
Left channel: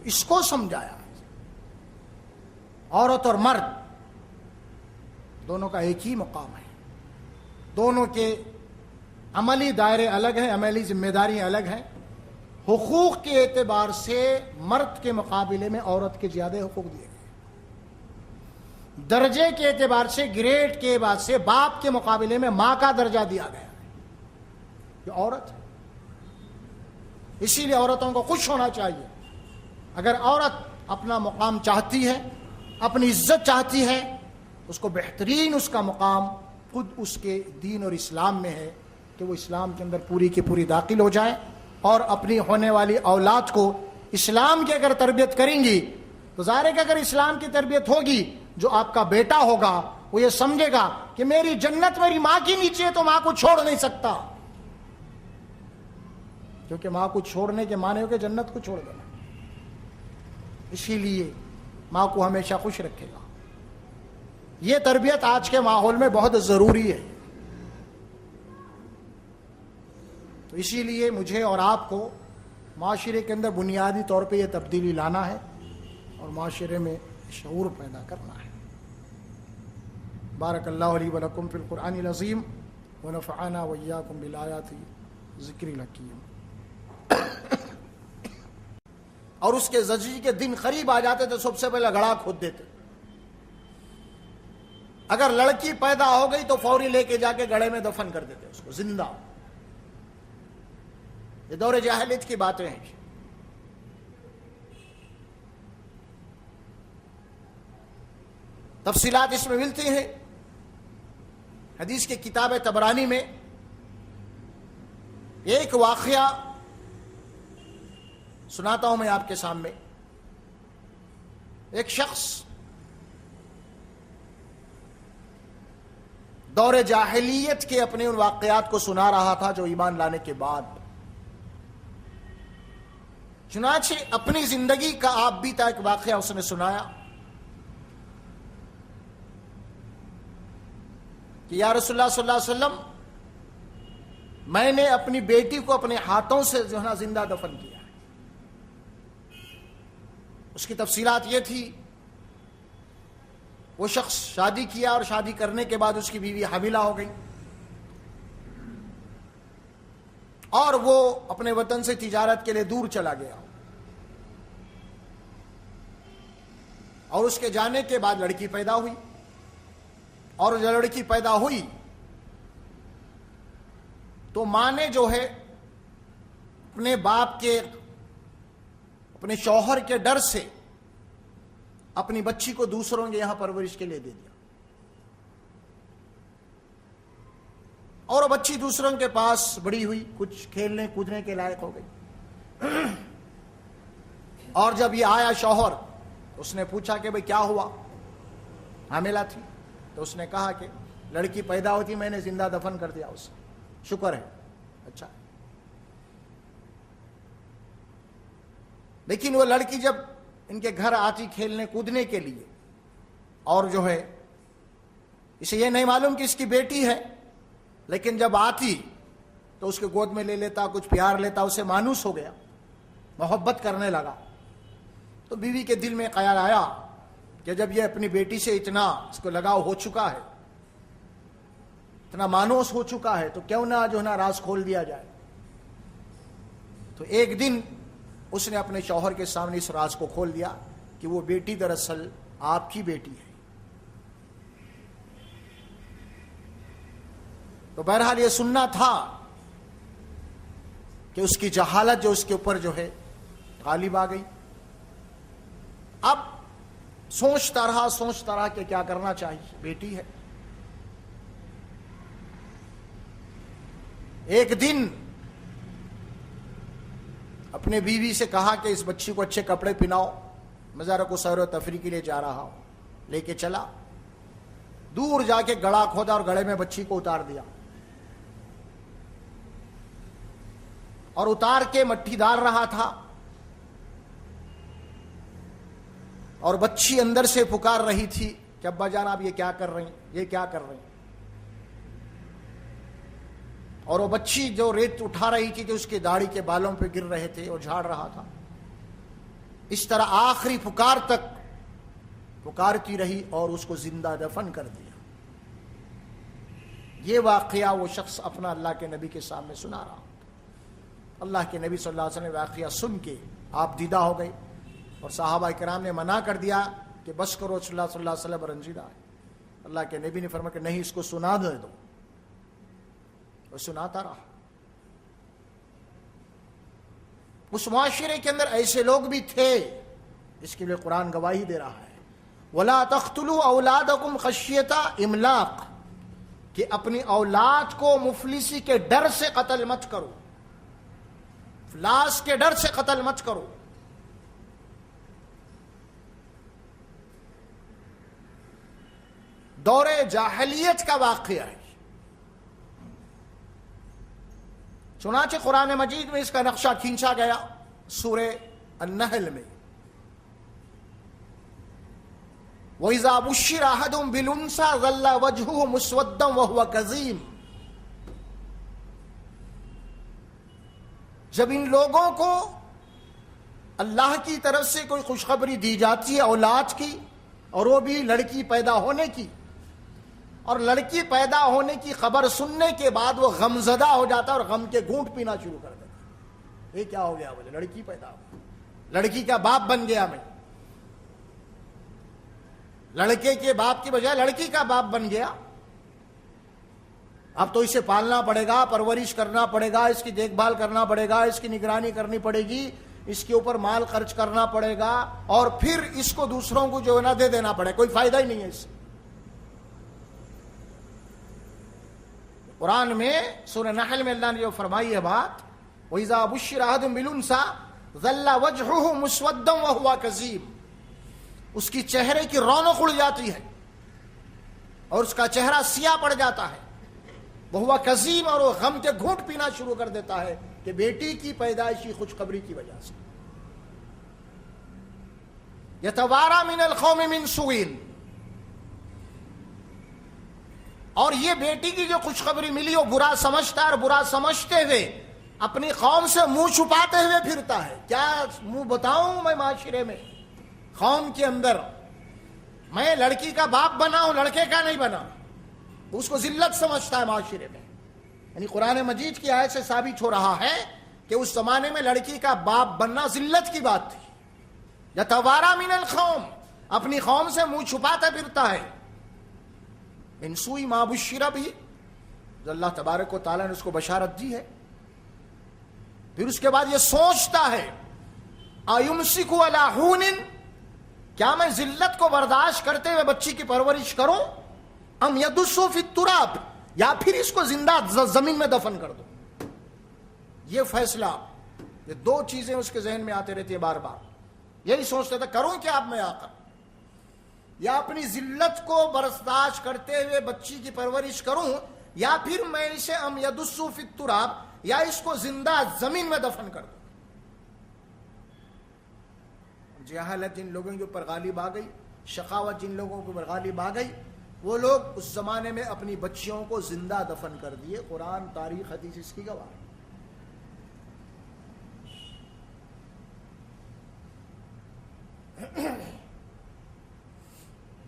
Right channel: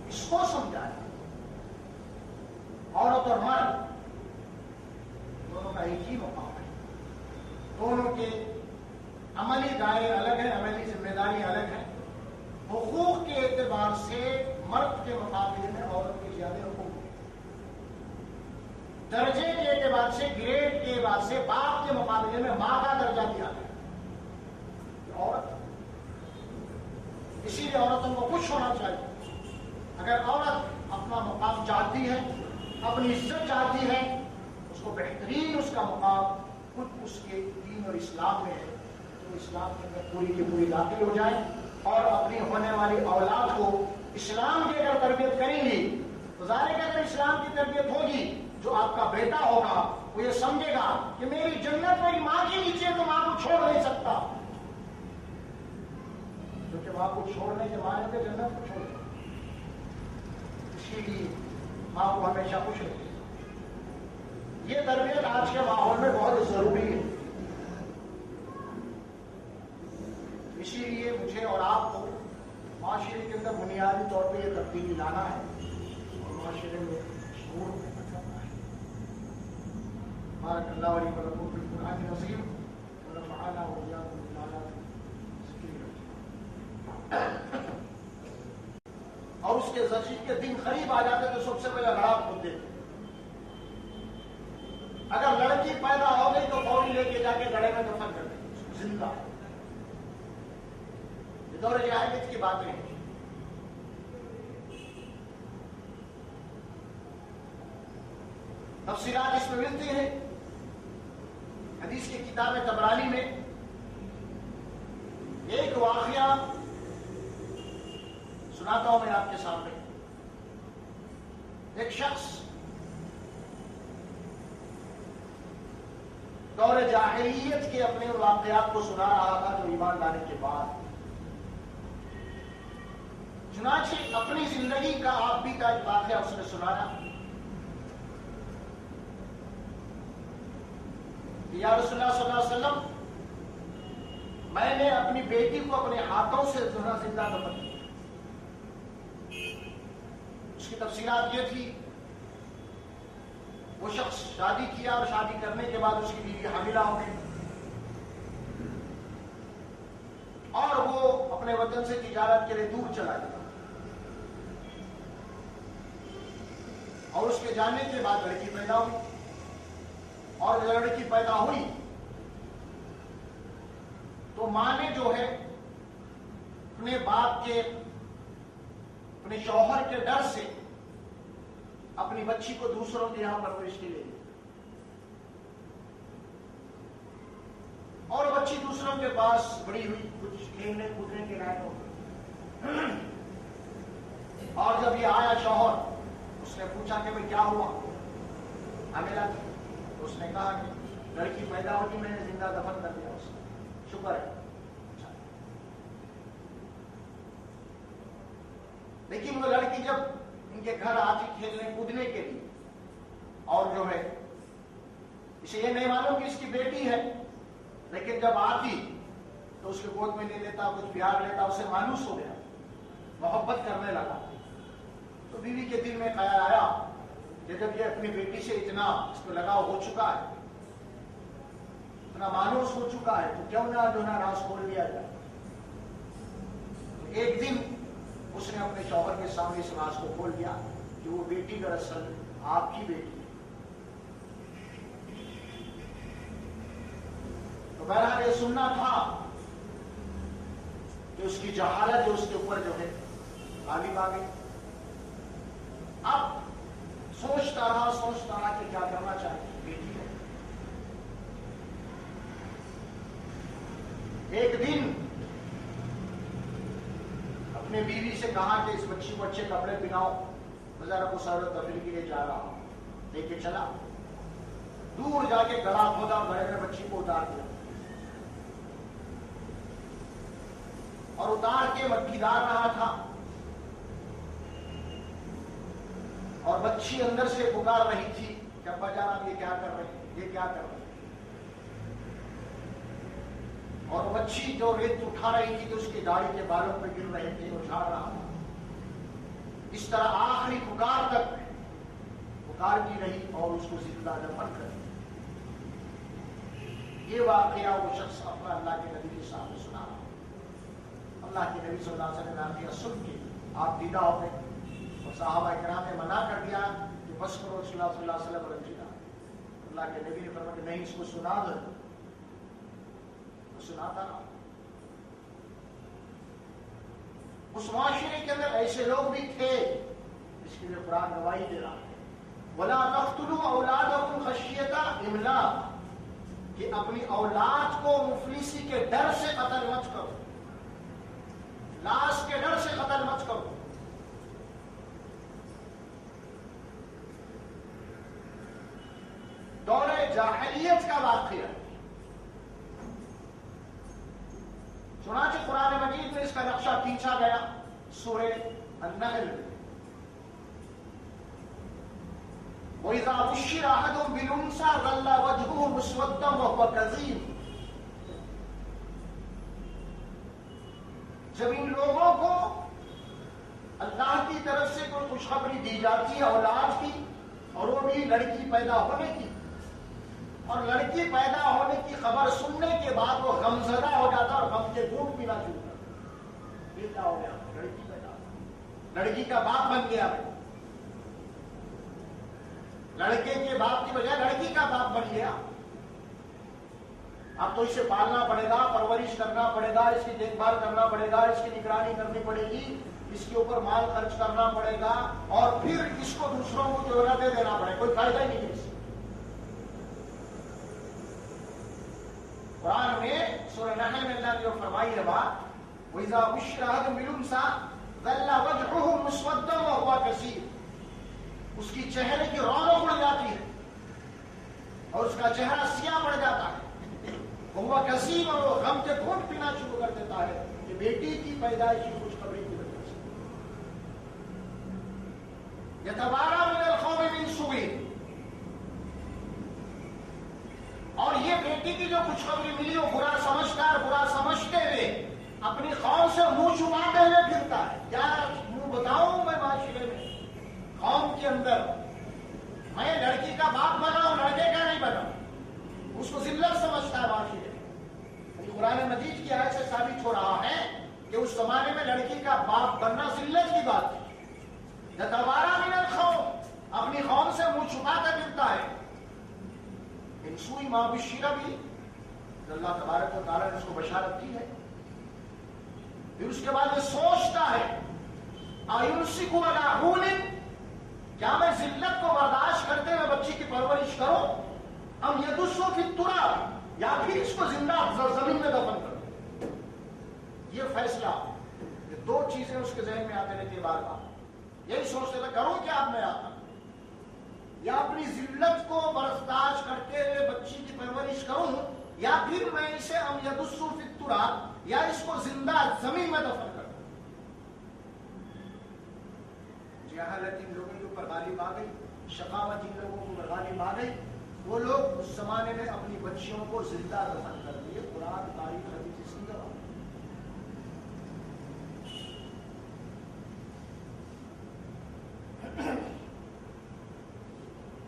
اس کو سمجھایا۔ عورت اور مرد دونوں کا ایک ہی مقام ہے، دونوں کے عملی دائرے الگ ہیں، عملی ذمہ داریاں الگ ہیں۔ حقوق کے اعتبار سے مرد کے مقابلے میں عورت کے زیادہ حقوق دیے گئے، درجے کے اعتبار سے، گریڈ کے اعتبار سے باپ کے مقابلے میں ماں کا درجہ دیا گیا، یہ عورت ہے۔ اسی لیے عورتوں کو خوش ہونا چاہیے، اگر عورت اپنا مقام چاہتی ہے، اپنی عزت چاہتی ہے، اس کو بہترین اس کا مقام خود اس کے دین اور اسلام میں ہے، تو وہ اسلام کے اندر پوری کی پوری داخل ہو جائے، اور اپنی ہونے والی اولاد کو اسلام کی اگر تربیت کریں گی تو ظاہر ہے کہ اگر اسلام کی تربیت ہوگی، جو آپ کا بیٹا ہوگا وہ یہ سمجھے گا کہ میری جنت میری ماں کے نیچے ہے، تو ماں کو چھوڑ نہیں سکتا، کیونکہ ماں کو چھوڑنے کے معنی ہو کہ جنت کو چھوڑ دیں۔ اسی لیے ماں کو ہمیشہ خوش رکھے گا۔ یہ تربیت آج کے ماحول میں بہت ضروری ہے، تو اسی لیے مجھے اور آپ کو معاشرے کے اندر بنیادی طور پہ یہ تبدیلی لانا ہے، اور معاشرے میں شعور پیدا کرنا ہے۔ بارک اللہ علی ولکم فی القرآن العظیم ونفعنا وإیاکم بالآیات ذکر الحکیم۔ اور اس کے زجی کے دن قریب آ جاتے تو سب سے پہلے گڑھا کھود دیتے، اگر لڑکی پیدا ہو گئی تو فوری لے کے جا کے گڑھے میں دفن کر دیتے اس کو زندہ۔ یہ دور جاہلیت کی باتیں ہیں۔ تفصیلات اس میں ملتی ہیں حدیث کی کتاب طبرانی میں۔ ایک واقعہ سناتا ہوں میں آپ کے سامنے۔ ایک شخص دور جاہلیت کے اپنے ان واقعات کو سنا رہا تھا جو ایمان لانے کے بعد، چنانچہ اپنی زندگی کا آپ بیتا ایک واقعہ اس نے سنایا کہ یا رسول اللہ صلی اللہ علیہ وسلم، میں نے اپنی بیٹی کو اپنے ہاتھوں سے جو ہے نا زندہ دفن کیا۔ اس کی تفصیلات یہ تھی، وہ شخص شادی کیا اور شادی کرنے کے بعد اس کی بیوی حاملہ ہو گئی، اور وہ اپنے وطن سے تجارت کے لیے دور چلا گیا، اور اس کے جانے کے بعد لڑکی پیدا ہوئی، اور جب لڑکی پیدا ہوئی تو ماں نے جو ہے اپنے باپ کے، اپنے شوہر کے ڈر سے اپنی بچی کو دوسروں کے یہاں پرورش کے لیے دے دیا، اور بچی دوسروں کے پاس بڑی ہوئی، کچھ کھیلنے کودنے کے لائق ہو گئی، اور جب یہ آیا شوہر، اس نے پوچھا کہ بھئی کیا ہوا، حاملہ تھی، تو اس نے کہا کہ لڑکی پیدا ہوتی میں نے زندہ دفن کر دیا اسے، شکر ہے۔ اچھا، لیکن وہ لڑکی جب ان کے گھر آتی کھیلنے کودنے کے لیے، اور جو ہے اسے یہ نہیں معلوم کہ اس کی بیٹی ہے، لیکن جب آتی تو اس کے گود میں لے لیتا، کچھ پیار لیتا، اسے مانوس ہو گیا، محبت کرنے لگا. تو بیوی کے دل میں خیال آیا کہ جب یہ اپنی بیٹی سے اتنا اس کو لگاؤ ہو چکا ہے, اتنا مانوس ہو چکا ہے, تو کیوں نہ جو ہے نا راز کھول دیا جائے. تو ایک دن اس نے اپنے شوہر کے سامنے اس راز کو کھول دیا کہ وہ بیٹی دراصل آپ کی بیٹی ہے. تو بہرحال یہ سننا تھا کہ اس کی جہالت جو اس کے اوپر جو ہے غالب آ گئی. اب سوچتا رہا کہ کیا کرنا چاہیے, بیٹی ہے. ایک دن اپنے بیوی سے کہا کہ اس بچی کو اچھے کپڑے پہناؤ, میں ذرا کو سیر و تفریح کے لیے جا رہا ہوں. لے کے چلا, دور جا کے گڑا کھودا اور گڑے میں بچی کو اتار دیا, اور اتار کے مٹھی ڈال رہا تھا, اور بچی اندر سے پکار رہی تھی کہ ابا جان آپ یہ کیا کر رہے ہیں, یہ کیا کر رہے ہیں. اور وہ بچی جو ریت اٹھا رہی تھی کہ اس کے داڑھی کے بالوں پہ گر رہے تھے, وہ جھاڑ رہا تھا. اس طرح آخری پکار تک پکارتی رہی اور اس کو زندہ دفن کر دیا. یہ واقعہ وہ شخص اپنا اللہ کے نبی کے سامنے سنا رہا. اللہ کے نبی صلی اللہ علیہ وسلم واقعہ سن کے آپ دیدہ ہو گئے, اور صحابہ کرام نے منع کر دیا کہ بس کرو, صلی اللہ علیہ وسلم رنجیدہ ہے. اللہ کے نبی نے فرمایا کہ نہیں, اس کو سنا دو. وہ سناتا رہا. اس معاشرے کے اندر ایسے لوگ بھی تھے جس کے لیے قرآن گواہی دے رہا ہے, وَلَا تَقْتُلُوا أَوْلَادَكُمْ خَشْيَةَ إِمْلَاقٍ, کہ اپنی اولاد کو مفلسی کے ڈر سے قتل مت کرو, افلاس کے ڈر سے قتل مت کرو. دور جاہلیت کا واقعہ ہے. چنانچہ قرآن مجید میں اس کا نقشہ کھینچا گیا سورہ النحل میں, وَإِذَا بُشِّرَ أَحَدٌ بِالْأُنثَىٰ ظَلَّ وَجْهُهُ مُسْوَدًّا وَهُوَ كَظِيمٌ. جب ان لوگوں کو اللہ کی طرف سے کوئی خوشخبری دی جاتی ہے اولاد کی, اور وہ بھی لڑکی پیدا ہونے کی, اور لڑکی پیدا ہونے کی خبر سننے کے بعد وہ غمزدہ ہو جاتا اور غم کے گھونٹ پینا شروع کر دیتا. یہ کیا ہو گیا, مجھے لڑکی پیدا ہو, لڑکی کا باپ بن گیا میں, لڑکے کے باپ کی بجائے لڑکی کا باپ بن گیا. اب تو اسے پالنا پڑے گا, پرورش کرنا پڑے گا, اس کی دیکھ بھال کرنا پڑے گا, اس کی نگرانی کرنی پڑے گی, اس کے اوپر مال خرچ کرنا پڑے گا, اور پھر اس کو دوسروں کو جو ہے نا دے دینا پڑے گا. کوئی فائدہ ہی نہیں ہے اس سے. قرآن میں سورہ نحل میں اللہ نے جو فرمائی ہے بات, وَإِذَا بُشِّرَ أَحَدٌ بِالْأُنثَىٰ ظَلَّ وَجْهُهُ مُسْوَدًّا وَهُوَ كَظِيمٌ, اس کی چہرے کی رونق اڑ جاتی ہے اور اس کا چہرہ سیاہ پڑ جاتا ہے. وَهُوَ كَظِيمٌ, اور وہ غم کے گھونٹ پینا شروع کر دیتا ہے کہ بیٹی کی پیدائشی خوشخبری کی وجہ سے. يَتَوَارَىٰ مِنَ الْقَوْمِ مِنْ سُوءٍ, اور یہ بیٹی کی جو خوشخبری ملی وہ برا سمجھتا ہے, اور برا سمجھتے ہوئے اپنی قوم سے منہ چھپاتے ہوئے پھرتا ہے. کیا منہ بتاؤں میں معاشرے میں, قوم کے اندر میں لڑکی کا باپ بنا ہوں, لڑکے کا نہیں بنا. اس کو ذلت سمجھتا ہے معاشرے میں. یعنی قرآن مجید کی آیت سے ثابت ہو رہا ہے کہ اس زمانے میں لڑکی کا باپ بننا ذلت کی بات تھی. یتوارا من القوم, اپنی قوم سے منہ چھپاتا پھرتا ہے. من سوء ما بشر بھی, جو اللہ تبارک و تعالیٰ نے اس کو بشارت دی ہے. پھر اس کے بعد یہ سوچتا ہے ایمسک علی ہون, کیا میں ذلت کو برداشت کرتے ہوئے بچی کی پرورش کروں, ام یدسو فی التراب, یا پھر اس کو زندہ زمین میں دفن کر دوں. یہ فیصلہ, یہ دو چیزیں اس کے ذہن میں آتے رہتی ہے بار بار. یہی سوچتا تھا کروں کیا اب میں آتا, یا اپنی ذلت کو برداشت کرتے ہوئے بچی کی پرورش کروں, یا پھر میں اسے ام یدسو فی التراب, یا اس کو زندہ زمین میں دفن کر دوں. جہالت جن لوگوں کے اوپر غالب آ گئی, شقاوت جن لوگوں کے اوپر غالب آ گئی, وہ لوگ اس زمانے میں اپنی بچیوں کو زندہ دفن کر دیے. قرآن, تاریخ, حدیث اس کی گواہ.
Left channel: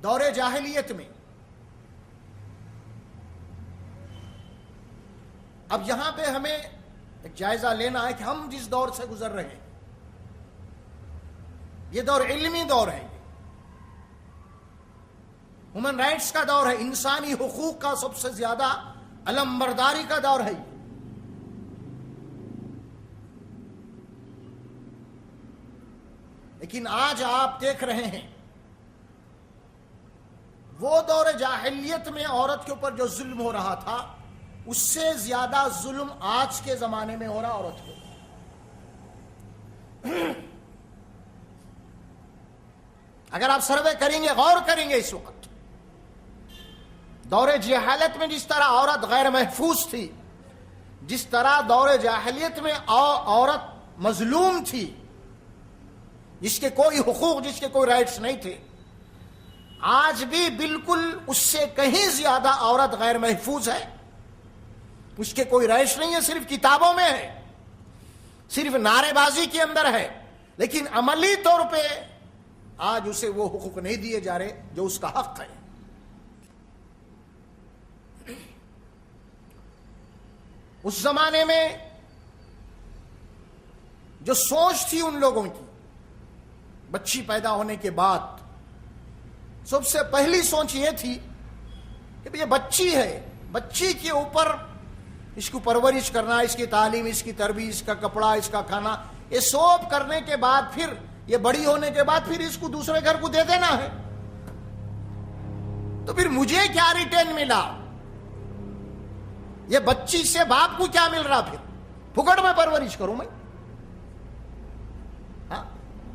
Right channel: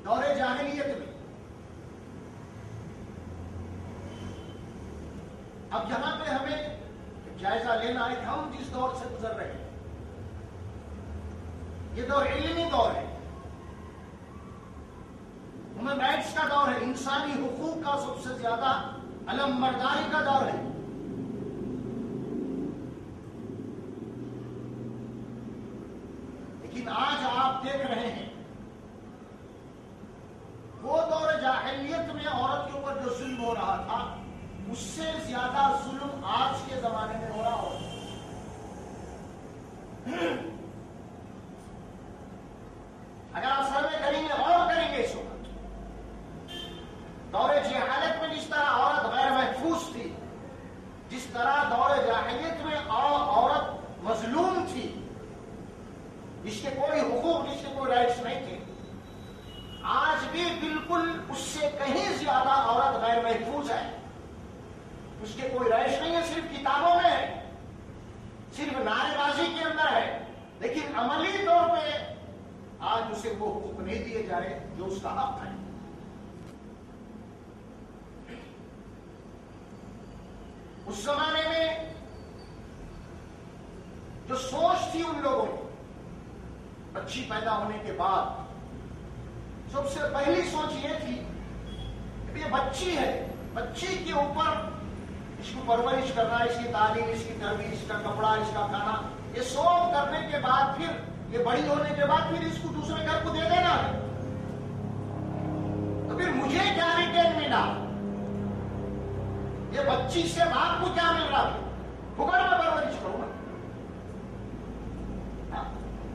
دور جاہلیت میں. اب یہاں پہ ہمیں ایک جائزہ لینا ہے کہ ہم جس دور سے گزر رہے ہیں یہ دور علمی دور ہے، ہیومن رائٹس کا دور ہے، انسانی حقوق کا سب سے زیادہ علمبرداری کا دور ہے. لیکن آج آپ دیکھ رہے ہیں وہ دور جاہلیت میں عورت کے اوپر جو ظلم ہو رہا تھا اس سے زیادہ ظلم آج کے زمانے میں ہو رہا عورت کو. اگر آپ سروے کریں گے، غور کریں گے، اس وقت دور جہالت میں جس طرح عورت غیر محفوظ تھی، جس طرح دور جاہلیت میں عورت مظلوم تھی، جس کے کوئی حقوق، جس کے کوئی رائٹس نہیں تھے، آج بھی بالکل اس سے کہیں زیادہ عورت غیر محفوظ ہے. اس کے کوئی رائٹس نہیں ہے، صرف کتابوں میں ہے، صرف نعرے بازی کے اندر ہے، لیکن عملی طور پہ آج اسے وہ حقوق نہیں دیے جا رہے جو اس کا حق ہے. اس زمانے میں جو سوچ تھی ان لوگوں کی بچی پیدا ہونے کے بعد، سب سے پہلی سوچ یہ تھی کہ یہ بچی ہے، بچی کے اوپر اس کو پرورش کرنا، اس کی تعلیم، اس کی تربیت، اس کا کپڑا، اس کا کھانا، یہ سب کرنے کے بعد پھر یہ بڑی ہونے کے بعد پھر اس کو دوسرے گھر کو دے دینا ہے. تو پھر مجھے کیا ریٹرن ملا؟ یہ بچی سے باپ کو کیا مل رہا؟ پھر پھکڑ میں پرورش کروں میں.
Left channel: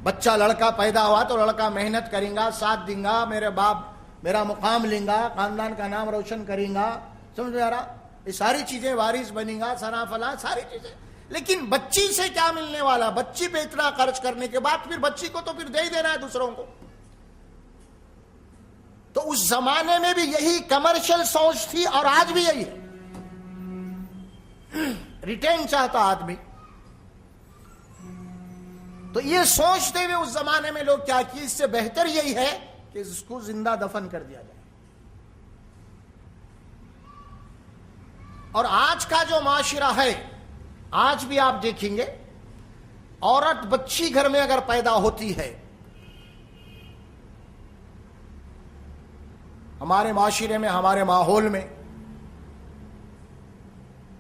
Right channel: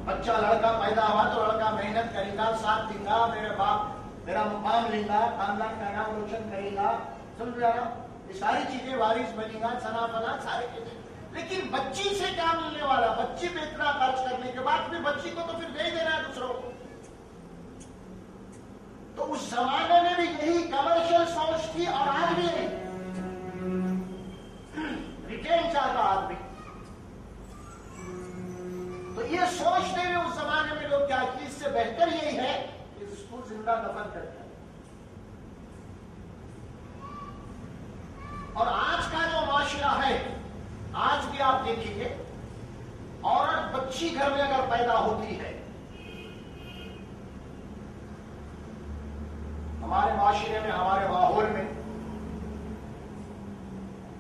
بچہ لڑکا پیدا ہوا تو لڑکا محنت کریں گا، ساتھ دیں گا، میرے باپ میرا مقام لیں گا، خاندان کا نام روشن کریں گا، سمجھ میں آ رہا؟ یہ ساری چیزیں، وارث بنیں گا، سنا فلا ساری چیزیں. لیکن بچی سے کیا ملنے والا؟ بچی پہ اتنا خرچ کرنے کے بعد پھر بچی کو تو پھر دے ہی دینا ہے دوسروں کو. تو اس زمانے میں بھی یہی کمرشل سوچ تھی اور آج بھی یہی. ریٹرن چاہتا آدمی. تو یہ سوچتے ہوئے اس زمانے میں لوگ کیا کی، اس سے بہتر یہی ہے کہ اس کو زندہ دفن کر دیا. اور آج کا جو معاشرہ ہے، آج بھی آپ دیکھیں گے عورت بچی گھر میں اگر پیدا ہوتی ہے، ہمارے معاشرے میں، ہمارے ماحول میں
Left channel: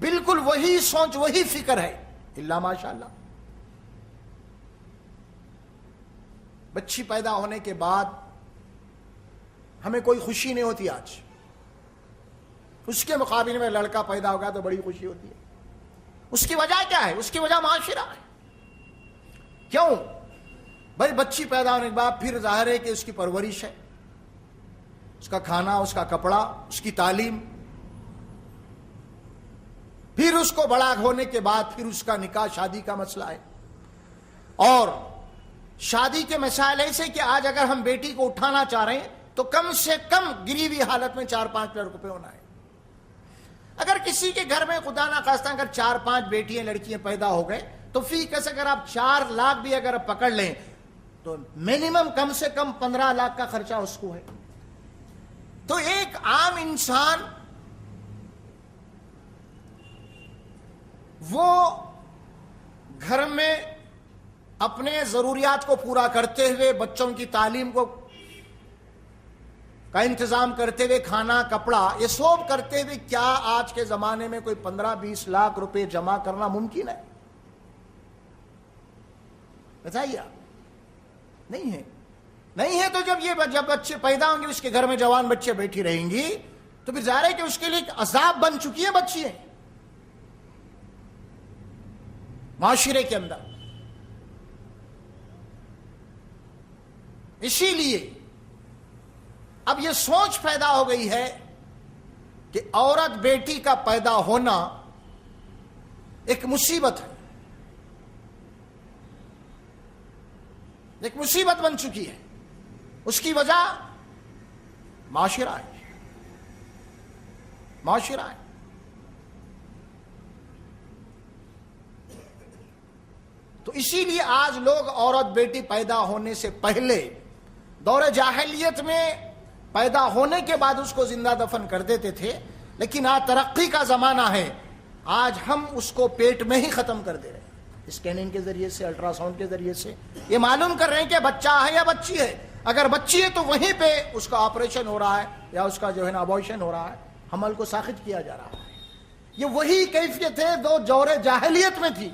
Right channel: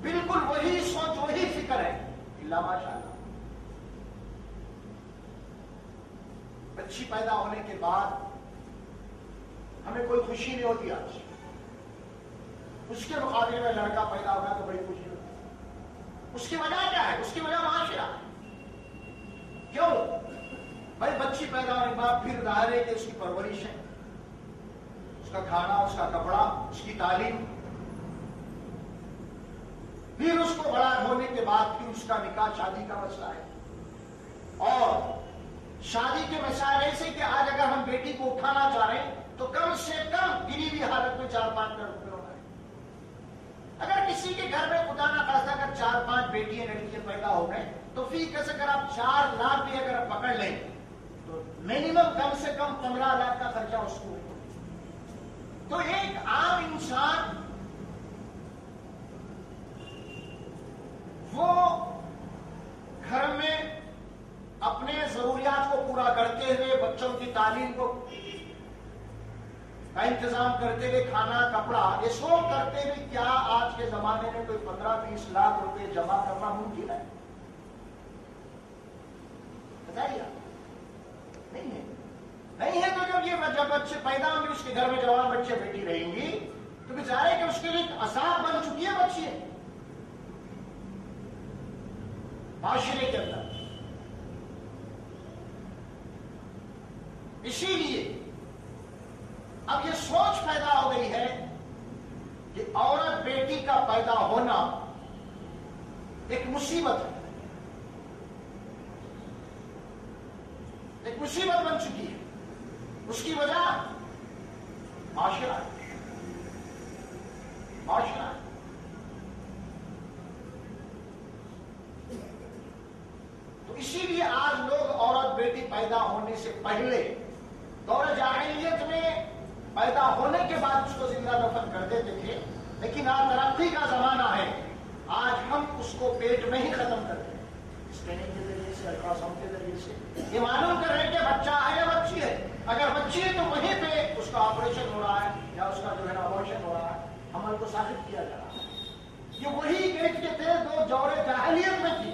بالکل وہی سوچ، وہی فکر ہے، اللہ ماشاءاللہ. بچی پیدا ہونے کے بعد ہمیں کوئی خوشی نہیں ہوتی آج. اس کے مقابلے میں لڑکا پیدا ہوگا تو بڑی خوشی ہوتی ہے. اس کی وجہ کیا ہے؟ اس کی وجہ معاشرہ ہے. کیوں؟ بھائی بچی پیدا ہونے کے بعد پھر ظاہر ہے کہ اس کی پرورش ہے، اس کا کھانا، اس کا کپڑا، اس کی تعلیم، پھر اس کو بڑا ہونے کے بعد پھر اس کا نکاح، شادی کا مسئلہ ہے. اور شادی کے مسائل ایسے کہ آج اگر ہم بیٹی کو اٹھانا چاہ رہے ہیں تو کم سے کم گری ہوئی حالت میں 4-5 لاکھ روپے ہونا ہے. اگر کسی کے گھر میں خدا نہ خواستہ اگر 4-5 بیٹیاں لڑکیاں پیدا ہو گئے تو فی کس اگر آپ 4 لاکھ بھی اگر پکڑ لیں تو منیمم کم سے کم 15 لاکھ کا خرچہ اس کو ہے. تو ایک عام انسان وہ گھر میں اپنے ضروریات کو پورا کرتے ہوئے، بچوں کی تعلیم کا انتظام کرتے ہوئے، کھانا، کپڑا، یہ سب کرتے ہوئے کیا آج کے زمانے میں کوئی 15-20 لاکھ روپے جمع کرنا ممکن ہے؟ بتائیے. نہیں ہے. نہیں ہے. تو جب بچے پیدا ہوں گے، اس کے گھر میں جوان بچے بیٹھی رہیں گی تو پھر ظاہر ہے کہ اس کے لیے ایک عذاب بن چکی ہے بچی ہے معاشرے کے اندر. اسی لیے اب یہ سوچ پیدا ہو گئی ہے کہ عورت بیٹی کا پیدا ہونا ایک مصیبت ہے، ایک مصیبت بن چکی ہے. اس کی وجہ معاشرہ ہے، معاشرہ ہے. تو اسی لیے آج لوگ عورت بیٹی پیدا ہونے سے پہلے دور جاہلیت میں پیدا ہونے کے بعد اس کو زندہ دفن کر دیتے تھے، لیکن آج ترقی کا زمانہ ہے، آج ہم اس کو پیٹ میں ہی ختم کر دے رہے ہیں، اسکیننگ کے ذریعے سے، الٹرا ساؤنڈ کے ذریعے سے یہ معلوم کر رہے ہیں کہ بچہ ہے یا بچی ہے۔ اگر بچی ہے تو وہیں پہ اس کا آپریشن ہو رہا ہے یا اس کا جو ہے نا ابورشن ہو رہا ہے، حمل کو ساخت کیا جا رہا ہے۔ یہ وہی کیفیت ہے جو دور جاہلیت میں تھی،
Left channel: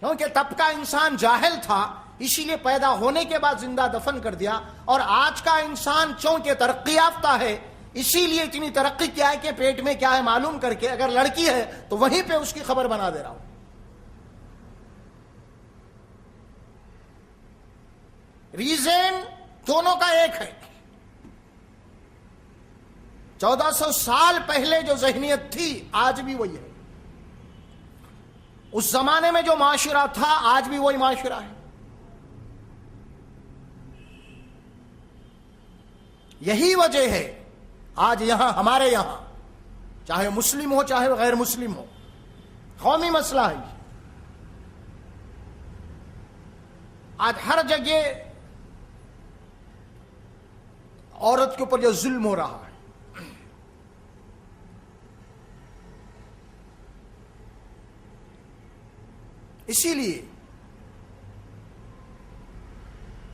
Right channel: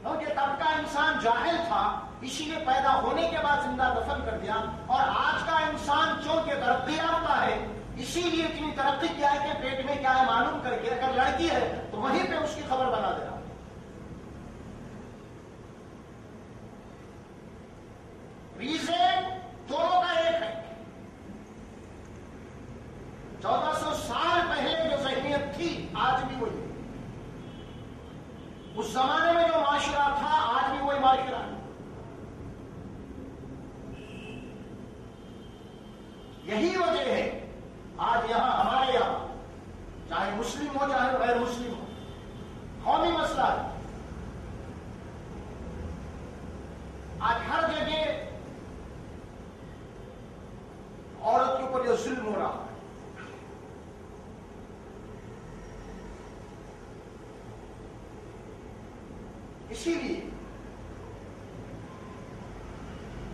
کیونکہ تب کا انسان جاہل تھا، اسی لیے پیدا ہونے کے بعد زندہ دفن کر دیا، اور آج کا انسان چونکہ ترقی یافتہ ہے اسی لیے اتنی ترقی کیا ہے کہ پیٹ میں کیا ہے معلوم کر کے اگر لڑکی ہے تو وہیں پہ اس کی خبر بنا دے رہا ہوں۔ ریزن دونوں کا ایک ہے۔ 1400 سال پہلے جو ذہنیت تھی آج بھی وہی ہے، اس زمانے میں جو معاشرہ تھا آج بھی وہی معاشرہ ہے۔ یہی وجہ ہے آج یہاں ہمارے یہاں چاہے مسلم ہو چاہے غیر مسلم ہو، قومی مسئلہ ہے، آج ہر جگہ عورت کے اوپر جو ظلم ہو رہا ہے۔ اسی لیے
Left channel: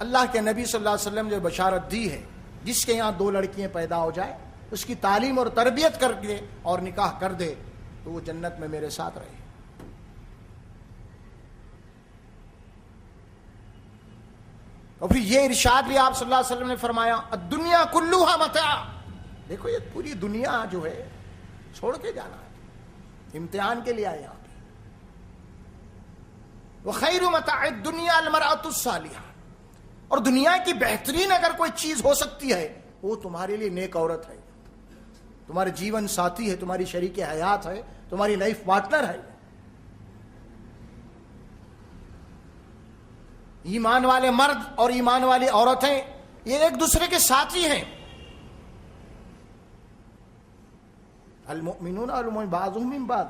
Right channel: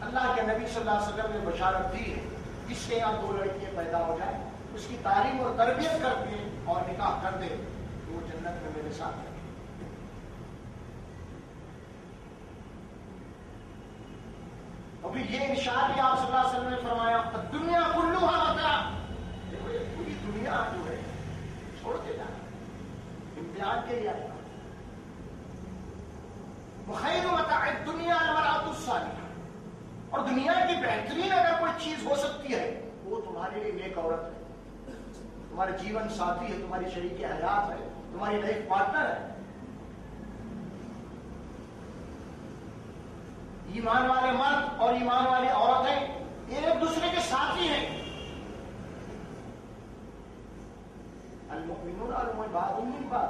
اللہ کے نبی صلی اللہ علیہ وسلم نے جو بشارت دی ہے، جس کے یہاں 2 لڑکیاں پیدا ہو جائے، اس کی تعلیم اور تربیت کر کے اور نکاح کر دے تو وہ جنت میں میرے ساتھ رہے۔ اور پھر یہ ارشاد بھی آپ صلی اللہ علیہ وسلم نے فرمایا، الدنیا کلھا متاع، دیکھو یہ پوری دنیا جو ہے چھوڑ کے جانا ہے، امتحان کے لیے آئے گا۔ وخیر متاع الدنیا المرأة الصالحہ، اور دنیا کی بہترین اگر کوئی چیز ہو سکتی ہے وہ تمہارے لیے نیک عورت ہے، تمہارے جیون ساتھی ہے، تمہاری شریک حیات ہے، تمہاری لائف پارٹنر ہے۔ ایمان والے مرد اور ایمان والی عورتیں یہ ایک دوسرے کے ساتھی ہیں۔ المؤمنون والمؤمنات بعضهم من بعض،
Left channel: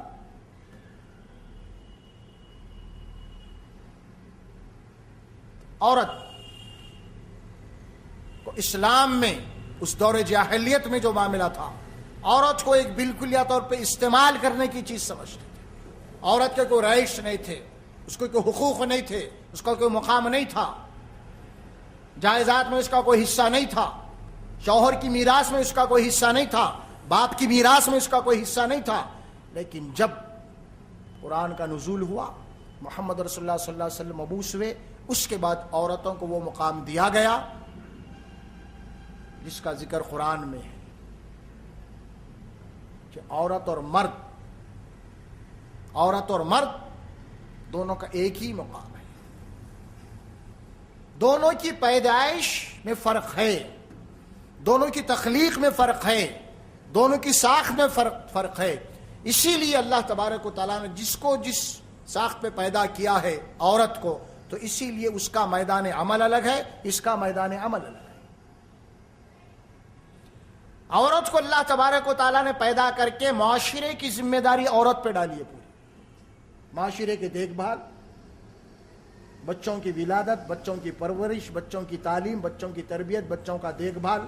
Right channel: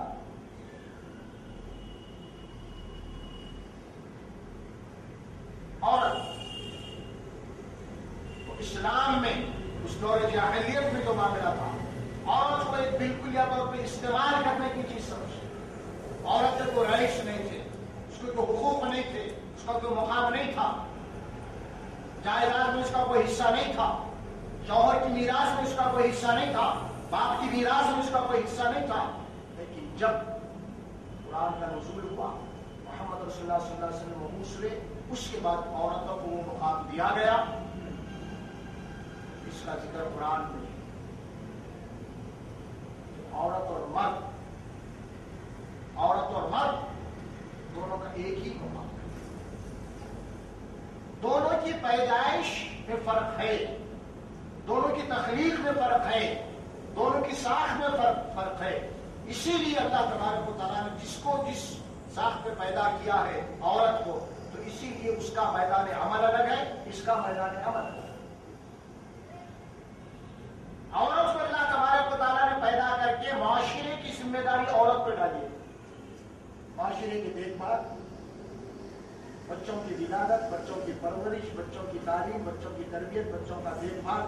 عورت اسلام میں اس دور جاہلیت میں جو معاملہ تھا، عورت کو ایک بالکلیہ طور پہ استعمال کرنے کی چیز سمجھتے تھے۔ عورت کے کوئی رہائش نہیں تھے، اس کو کوئی حقوق نہیں تھے، اس کا کوئی مقام نہیں تھا، جائیداد میں اس کا کوئی حصہ نہیں تھا، شوہر کی میراث میں اس کا کوئی حصہ نہیں تھا، باپ کی میراث میں اس کا کوئی حصہ نہیں تھا۔ لیکن جب قرآن کا نزول ہوا، محمد رسول اللہ صلی اللہ علیہ وسلم مبعوث ہوئے، اس کے بعد عورتوں کو وہ مقام دیا گیا جس کا ذکر قرآن میں ہے کہ عورت اور مرد دونوں کا ایک ہی مقام ہے۔ دونوں کی پیدائش میں فرق ہے، دونوں کی تخلیق میں فرق ہے، دونوں کی ساخت میں فرق ہے۔ اسی لیے اللہ تبارک و تعالیٰ نے جس کو جس ساخت پہ پیدا کیا ہے عورت کو، تو اسی لیے اس کا میدان عمل الگ ہے، اس کا میدان عمل الگ ہے۔ عورت کو اللہ تبارک و تعالیٰ نے پیدا کر کے معاشرے کی ذمہ داری عورت پہ ڈالی ہے، معاشرے کی دیکھ بھال، بچوں کی ولادت، بچوں کی پرورش، بچوں کی تعلیم، بچوں کی تربیت، بچوں کا دیکھ بھال۔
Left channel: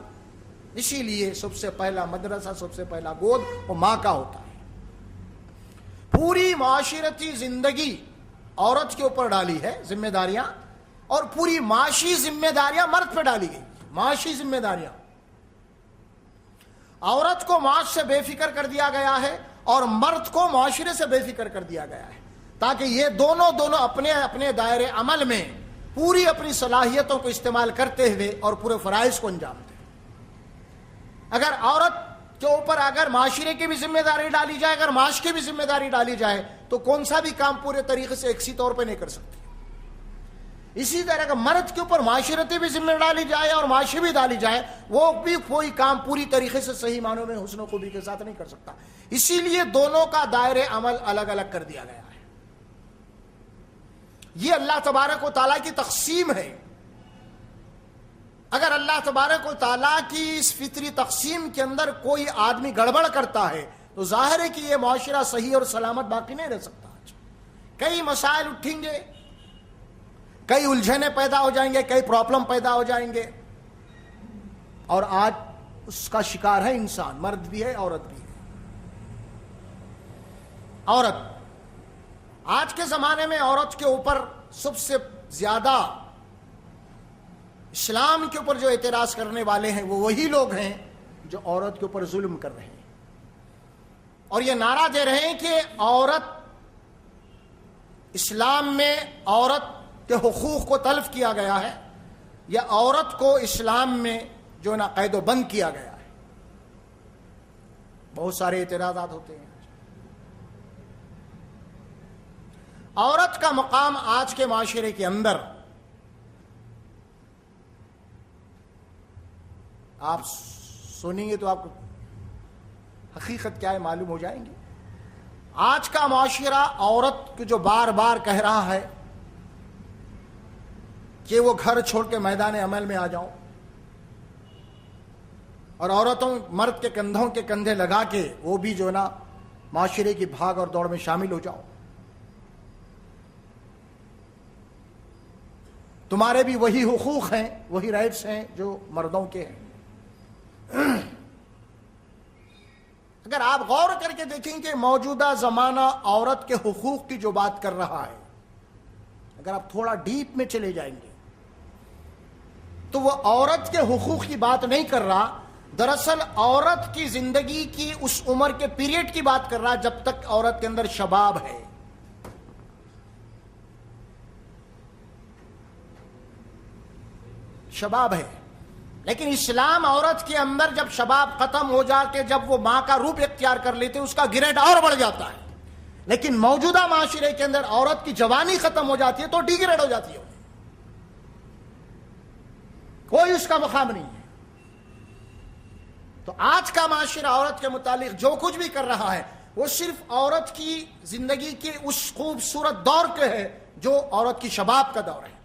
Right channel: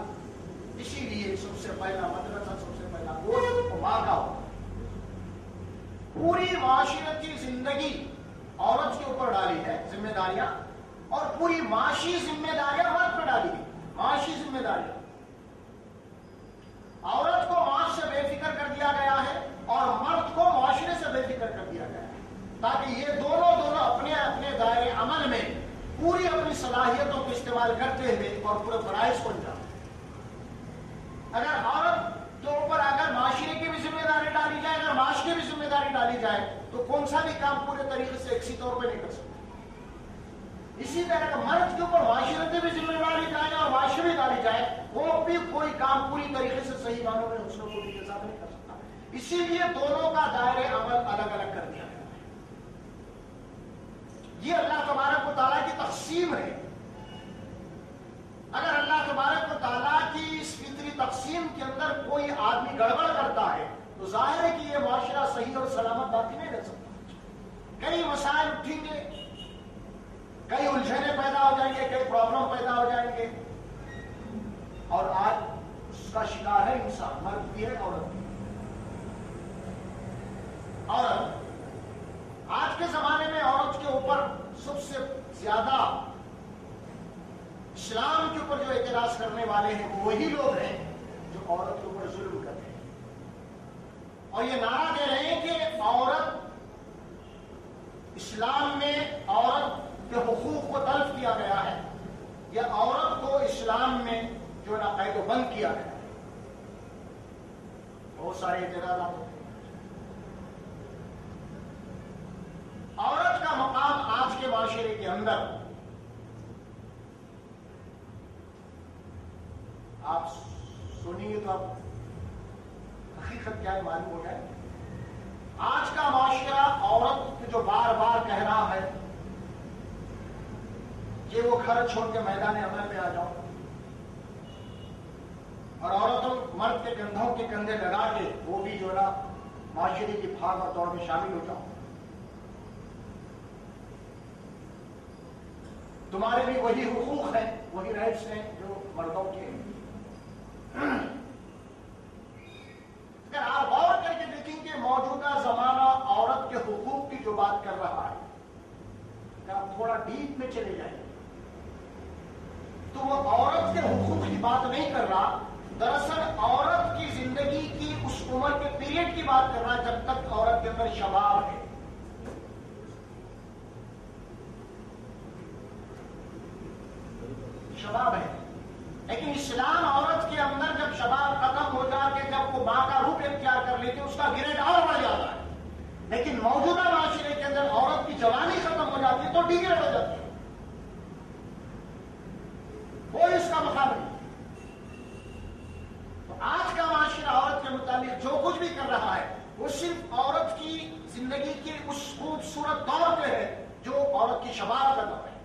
اسی لیے سب سے پہلا مدرسہ، سب سے پہلا گود وہ ماں کا ہوتا ہے۔ پوری معاشرتی زندگی عورت کے اوپر ڈالی ہے ذمہ داریاں، اور پوری معاشی ذمہ داریاں مرد پہ ڈالی گئی۔ معاشی ذمہ داریاں عورت کو معاش سے بے فکر کر دیا گیا ہے اور مرد کو معاشرے سے بے فکر کر دیا گیا ہے، تاکہ یہ دونوں اپنے اپنے دائرے عمل میں پوری اپنی صلاحیتوں کو استعمال کرتے ہوئے اور پورے فرائض کو انجام دیں۔ اگر عورت کے اوپر اگر معاشرے کی بھی ذمہ داری ڈالی جائے، اگر معاش کی بھی ذمہ داری ڈالی جائے، تو کون سا بھی کام پورے طریقے سے یکسی طور پہ نہیں کر سکتے۔ اسی طرح کا مرد کے اوپر معاشرتی بھی ذمہ ڈالی جائے اور معاشی بھی ڈالی جائے، وہ بھی کوئی کام پوری طریقے سے صحیح معنوں میں حسن و خوبی کے ساتھ نہیں کر سکتا۔ اسی لیے دونوں کا دائرے عمل الگ الگ کر دیا گیا ہے۔ یہ اللہ تبارک و تعالیٰ کی تقسیم ہے۔ اگر اللہ تبارک و تعالیٰ کی اس فطری تقسیم کے اندر کوئی آدمی گڑبڑ کرتا ہے تو ظاہر ہے کہ یہ معاشرہ صحیح اور سلامت باقی نہیں رہ سکتا۔ کئی مسائل اٹھیں گے، کئی الجھنیں پیدا ہو جائیں گے، کئی پرابلم پیدا ہو جائیں گے۔ اور آج اس کا شکار ہے انسان، مرد بھی ہے عورت بھی ہے۔ عورت آج کے زمانے میں عورت کے اوپر سب سے زیادہ اسلام کے اوپر جو اعتراض کرنے والے ہیں وہ وہی لوگ ہیں جو عورت کے اوپر ظلم کر رہے ہیں، اور یہ نعرہ دے رہے ہیں کہ عورت، اسلام میں عورت کے حقوق کو تلف کیا گیا ہے، یا عورت کو اسلام میں جو نا قید و بند کیا گیا ہے۔ بہت سارے اعتراضات ہوتے ہیں۔ عورت کا مقام آج کے معاشرے کے اندر، آپ سنیں گے تو آپ کو حقیقت کیا ہے معلوم ہو جائے گی۔ آج کا معاشرہ عورت کو جو بار بار کہہ رہا ہے کہ وہ گھر چھوڑ کے میدان عمل میں آ جاؤ، اور عورتوں مرد کے کندھوں کے کندھے لگا کے وہ بھی جو نا معاشرے کی بھاگ اور دوڑ میں شامل ہو جاؤ، تمہارے بھی وہی حقوق ہیں، وہی رائٹس ہیں جو مردوں کے ہیں۔ اگر آپ غور کر کے دیکھیں کہ موجودہ زمانہ عورت کے حقوق کی جو بات کر رہا ہے، اگر آپ تھوڑا ڈیپ میں چلے جائیں گے تو وہ عورت کے حقوق کی بات نہیں کر رہا، دراصل عورت کی زندگی کی اس عمر کے پیریڈ کی بات کر رہا ہے جب تک عورت کے اندر شباب ہے۔ شباب ہے، لیکن اسلام عورت کے اندر جب شباب ختم ہو جا کے جب وہ ماں کا روپ اختیار کر لیتے اس کا گریڈ اور بڑھ جاتا ہے، لیکن موجودہ معاشرے کے اندر عورت کی جوانی ختم ہو جاتی ہے تو ڈی گریڈ ہو جاتی ہے، کوئی اس کا مقام نہیں ہے۔ تو آج کا معاشرہ عورت کے متعلق جو کچھ بھی کر رہا ہے وہ صرف عورت کی زندگی کے اس خوبصورت دور کے ہے جو عورت کی شباب کا دور ہے۔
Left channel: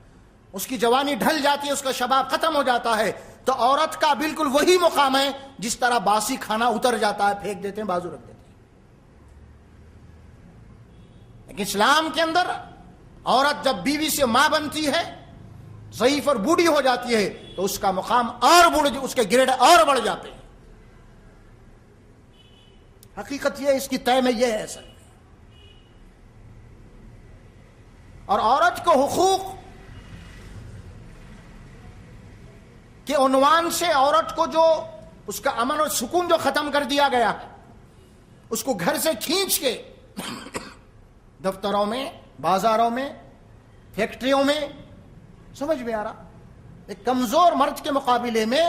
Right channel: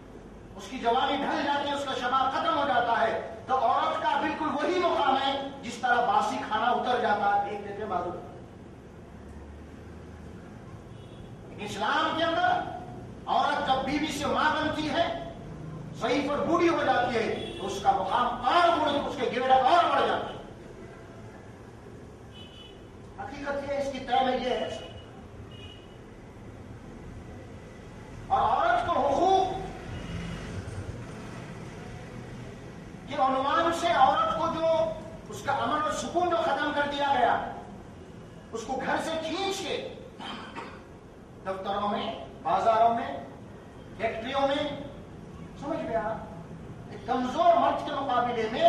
اس کی جوانی ڈھل جاتی ہے، اس کا شباب ختم ہو جاتا ہے، تو عورت کا بالکل وہی مقام ہے جس طرح باسی کھانا اتر جاتا ہے، پھینک دیتے ہیں، بازو رکھ دیتے ہیں۔ لیکن اسلام کے اندر عورت جب بیوی سے ماں بنتی ہے، ضعیف اور بوڑھی ہو جاتی ہے، تو اس کا مقام اور بڑھ، اس کے گریڈ اور بڑھ جاتے ہیں۔ حقیقت یہ اس کی طے میں یہ ہے ایسا۔ اور عورت کو حقوق کے عنوان سے عورت کو جو اس کا امن و سکون جو ختم کر دیا گیا، اس کو گھر سے کھینچ کے دفتروں میں، بازاروں میں، فیکٹریوں میں، سمجھ میں آ رہا، ایک کمزور مرد کے مقابلے میں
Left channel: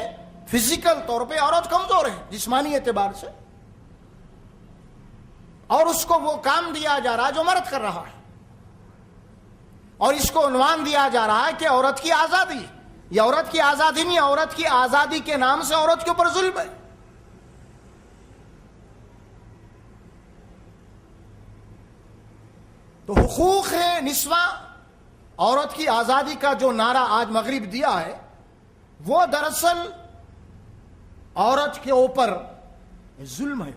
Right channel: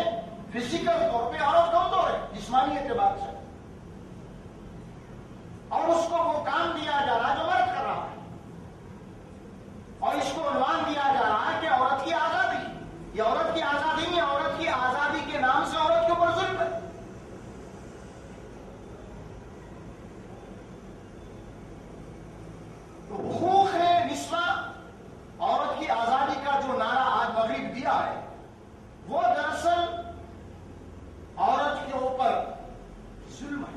فزیکل طور پہ عورت کمزور ہے جسمانی اعتبار سے، اور اس کو وہ کام دیا جا رہا ہے جو مرد کر رہا ہے، اور اس کو عنوان دیا جا رہا ہے کہ عورت کی آزادی۔ یہ عورت کی آزادی نہیں، عورت کی آزادی کے نام سے عورت کے اوپر ظلم ہے۔ تو حقوق ہے نسواں، عورت کی آزادی کا جو نعرہ آج مغرب دیا ہے وہ دراصل عورت کے اوپر ظلم ہے،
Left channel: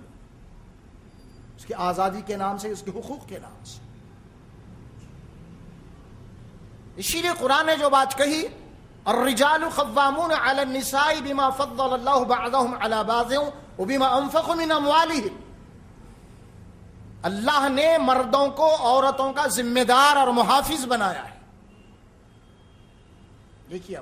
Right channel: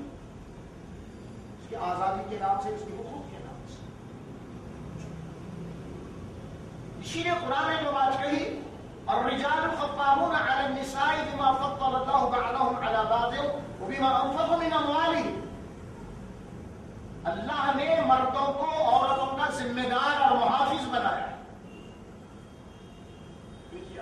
اس کی آزادی کے نام سے، اس کے حقوق کے نام سے۔ اسی لیے قرآن نے جو بات کہی، الرجال قوامون علی النساء بما فضل اللہ بعضهم علی بعض وبما انفقوا من اموالهم، اللہ نے مردوں کو عورتوں کا ذمہ دار اور محافظ بنایا ہے۔ دیکھیے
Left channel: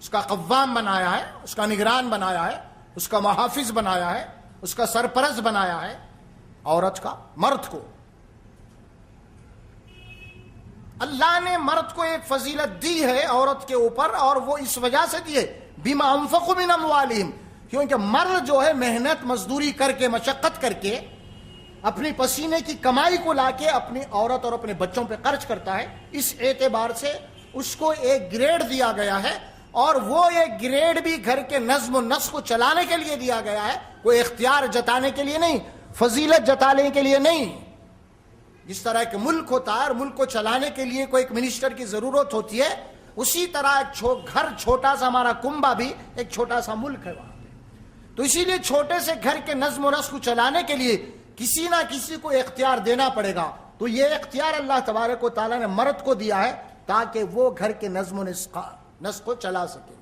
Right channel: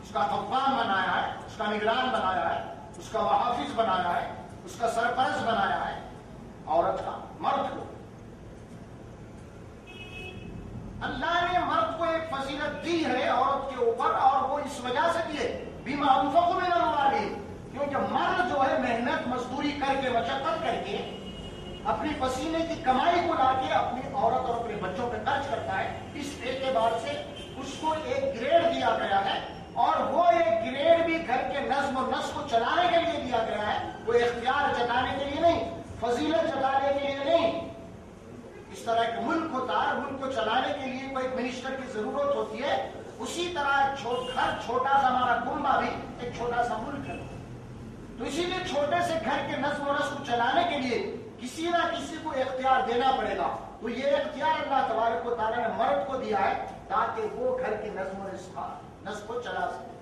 اس کا قوام بنایا ہے، اس کا نگران بنایا ہے، اس کا محافظ بنایا ہے، اس کا سرپرست بنایا ہے عورت کا، مرد کو۔ اللہ نے مرد کو ایک فضیلت دی ہے عورت کے اوپر، اور وہ اس وجہ سے دی ہے بما انفقوا من اموالہم، کیونکہ مرد جو ہے محنت مزدوری کر کے، مشقت کر کے، اپنی پسینے کی کمائی کو لا کے اپنی عورت اور اپنے بچوں پہ خرچ کرتا ہے، اس اعتبار سے اس کو ایک گریڈ دیا گیا ہے، اور وہ ایک گریڈ بھی گھر کے نظم و نسق کو چلانے کے لیے دیا گیا ہے، وہ اختیار جتانے کے لیے نہیں، فضیلت جتانے کے لیے نہیں۔ جس طرح ایک ملک ہوتا ہے اور ملک کو چلانے کے لیے کوئی ایک منسٹر کی ضرورت ہوتی ہے، اسی طرح ایک گھر چھوٹا سا، ہمارا کنبہ بھی ایک چھوٹا سا ملک ہے، تو اسی لیے چھوٹے سے گھر کے نظم و نسق کو چلانے کے لیے کسی نہ کسی کو اختیار دینا پڑے گا۔ تو یہ اختیار اللہ تبارک و تعالیٰ نے مرد کو دیا ہے تاکہ وہ گھر کے نظم و نسق کو چلا سکے.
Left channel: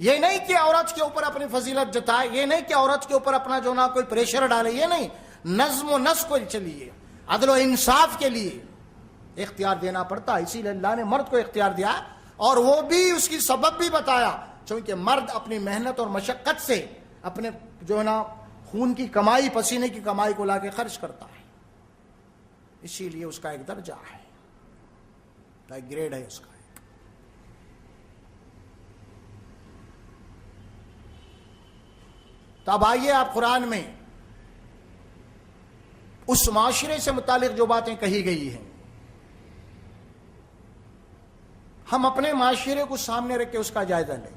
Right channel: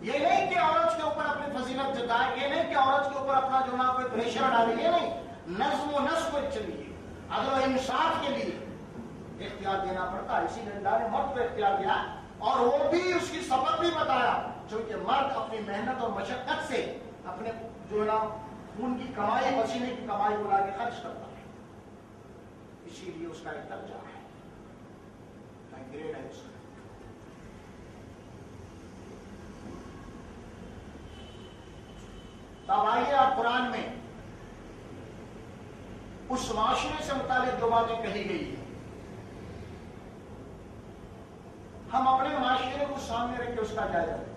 یہ نہیں کہ عورت کے اوپر اپنی فضیلت جتائے, یہ نہیں کہ عورت کے اوپر اپنا جو نہ کوئی پریشر ڈالے, یہ نہیں. نظم و نسق کے لیے, عدل و انصاف کے لیے اختیار دینا پڑتا. اسی لیے اللہ نے مرد کو اختیار دیا, اور وہ بھی اس کی سبب بھی بتایا, چونکہ مرد اپنی محنت اور مشقت سے اپنے جو نا خون کی کمائی, پسینے کی کمائی کو لا کے خرچ کرتا ہے. اسی لیے اس کا ایک درجہ ہے, ایک گریڈ ہے اس کا. تو اب آئیے آپ قرآن میں اس معاشرے سے متعلق جو باتیں کہی گئی ہیں, ہم اپنے معاشرے کو سامنے رکھ کے اس کا جائزہ لیں.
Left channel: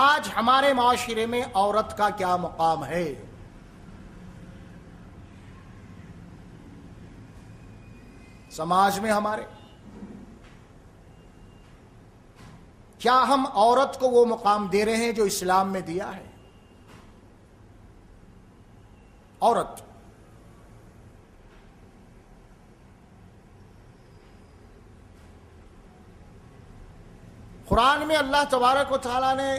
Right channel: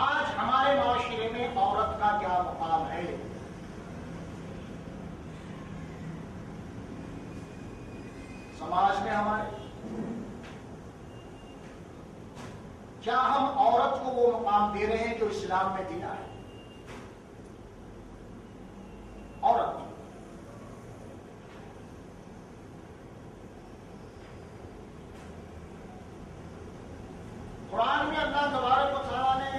آج ہمارے معاشرے میں عورت کا کیا مقام ہے؟ سماج میں ہمارے کیا ہم عورت کو وہ مقام دے رہے ہیں جو اسلام میں دیا ہے؟ عورت قرآن میں اللہ تبارک و تعالیٰ نے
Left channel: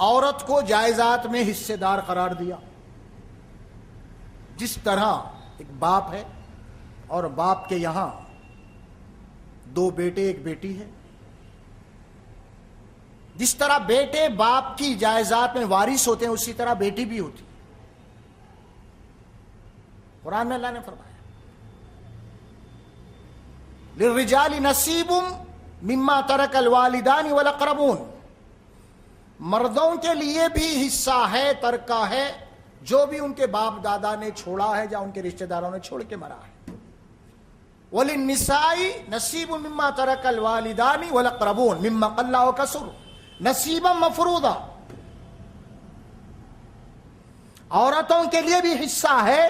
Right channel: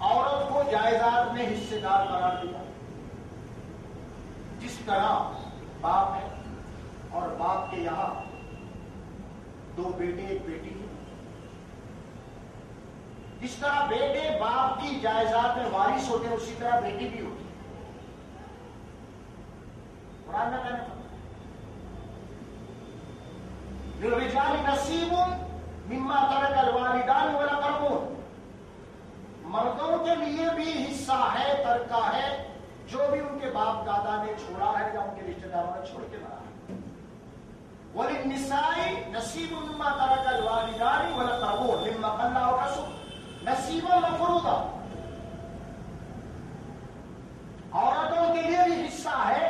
عورت کو جائیداد میں حصے دار قرار دیا. جس طرح ایک باپ ہے اور باپ کے یہاں 2 بیٹے 1 بیٹی ہے, جس طرح بیٹے باپ کی جائیداد میں وارث ہوتے ہیں, اسی طرح بیٹی بھی ہوتی ہے. قرآن میں اللہ نے فرمایا للرجال نصیب مما ترک الوالدان والاقربون, مردوں کے لیے بھی حصہ ہے, ترکہ ہے, جو بھی ان کے باپ دادا نے چھوڑا ہے یا ان کے رشتہ داروں نے چھوڑ کے مرا ہے. وللنساء نصیب مما ترک الوالدان والاقربون مما قل وكثر نصیبا مفروضا, عورتوں کے لیے بھی حصہ ہے,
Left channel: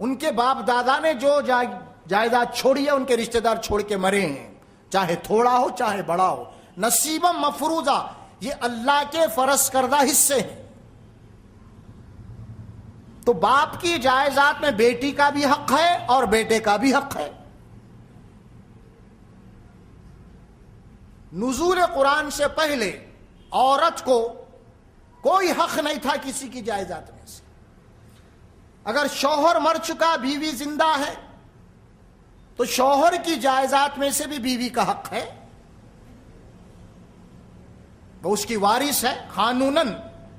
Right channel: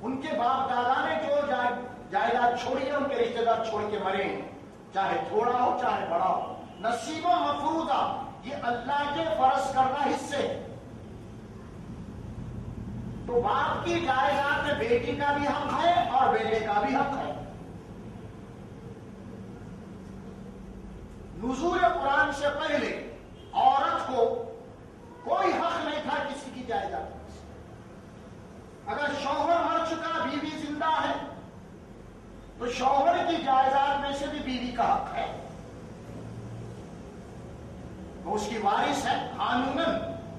ان کے باپ دادا نے جو جائیداد چھوڑی ہے, ان کے رشتہ دار چھوڑ کے مرے ہیں, چاہے تھوڑا ہو چاہے بڑا ہو. نصیبا مفروضا, یہ اللہ کے فرض کردہ حصے ہیں. تو باپ کی جائیداد میں بیٹی کا بھی حق ہے اور بیٹے کا بھی حق ہے. نزول قرآن سے پہلے عورت کو کوئی حق نہیں تھا کسی کی جائیداد میں سے. اگر شوہر مر چکا, بیوی زندہ ہے, تو شوہر کی جائیداد میں سے بھی بیوی کا حق ہے, تو اس کی وارث ہے قانوناً.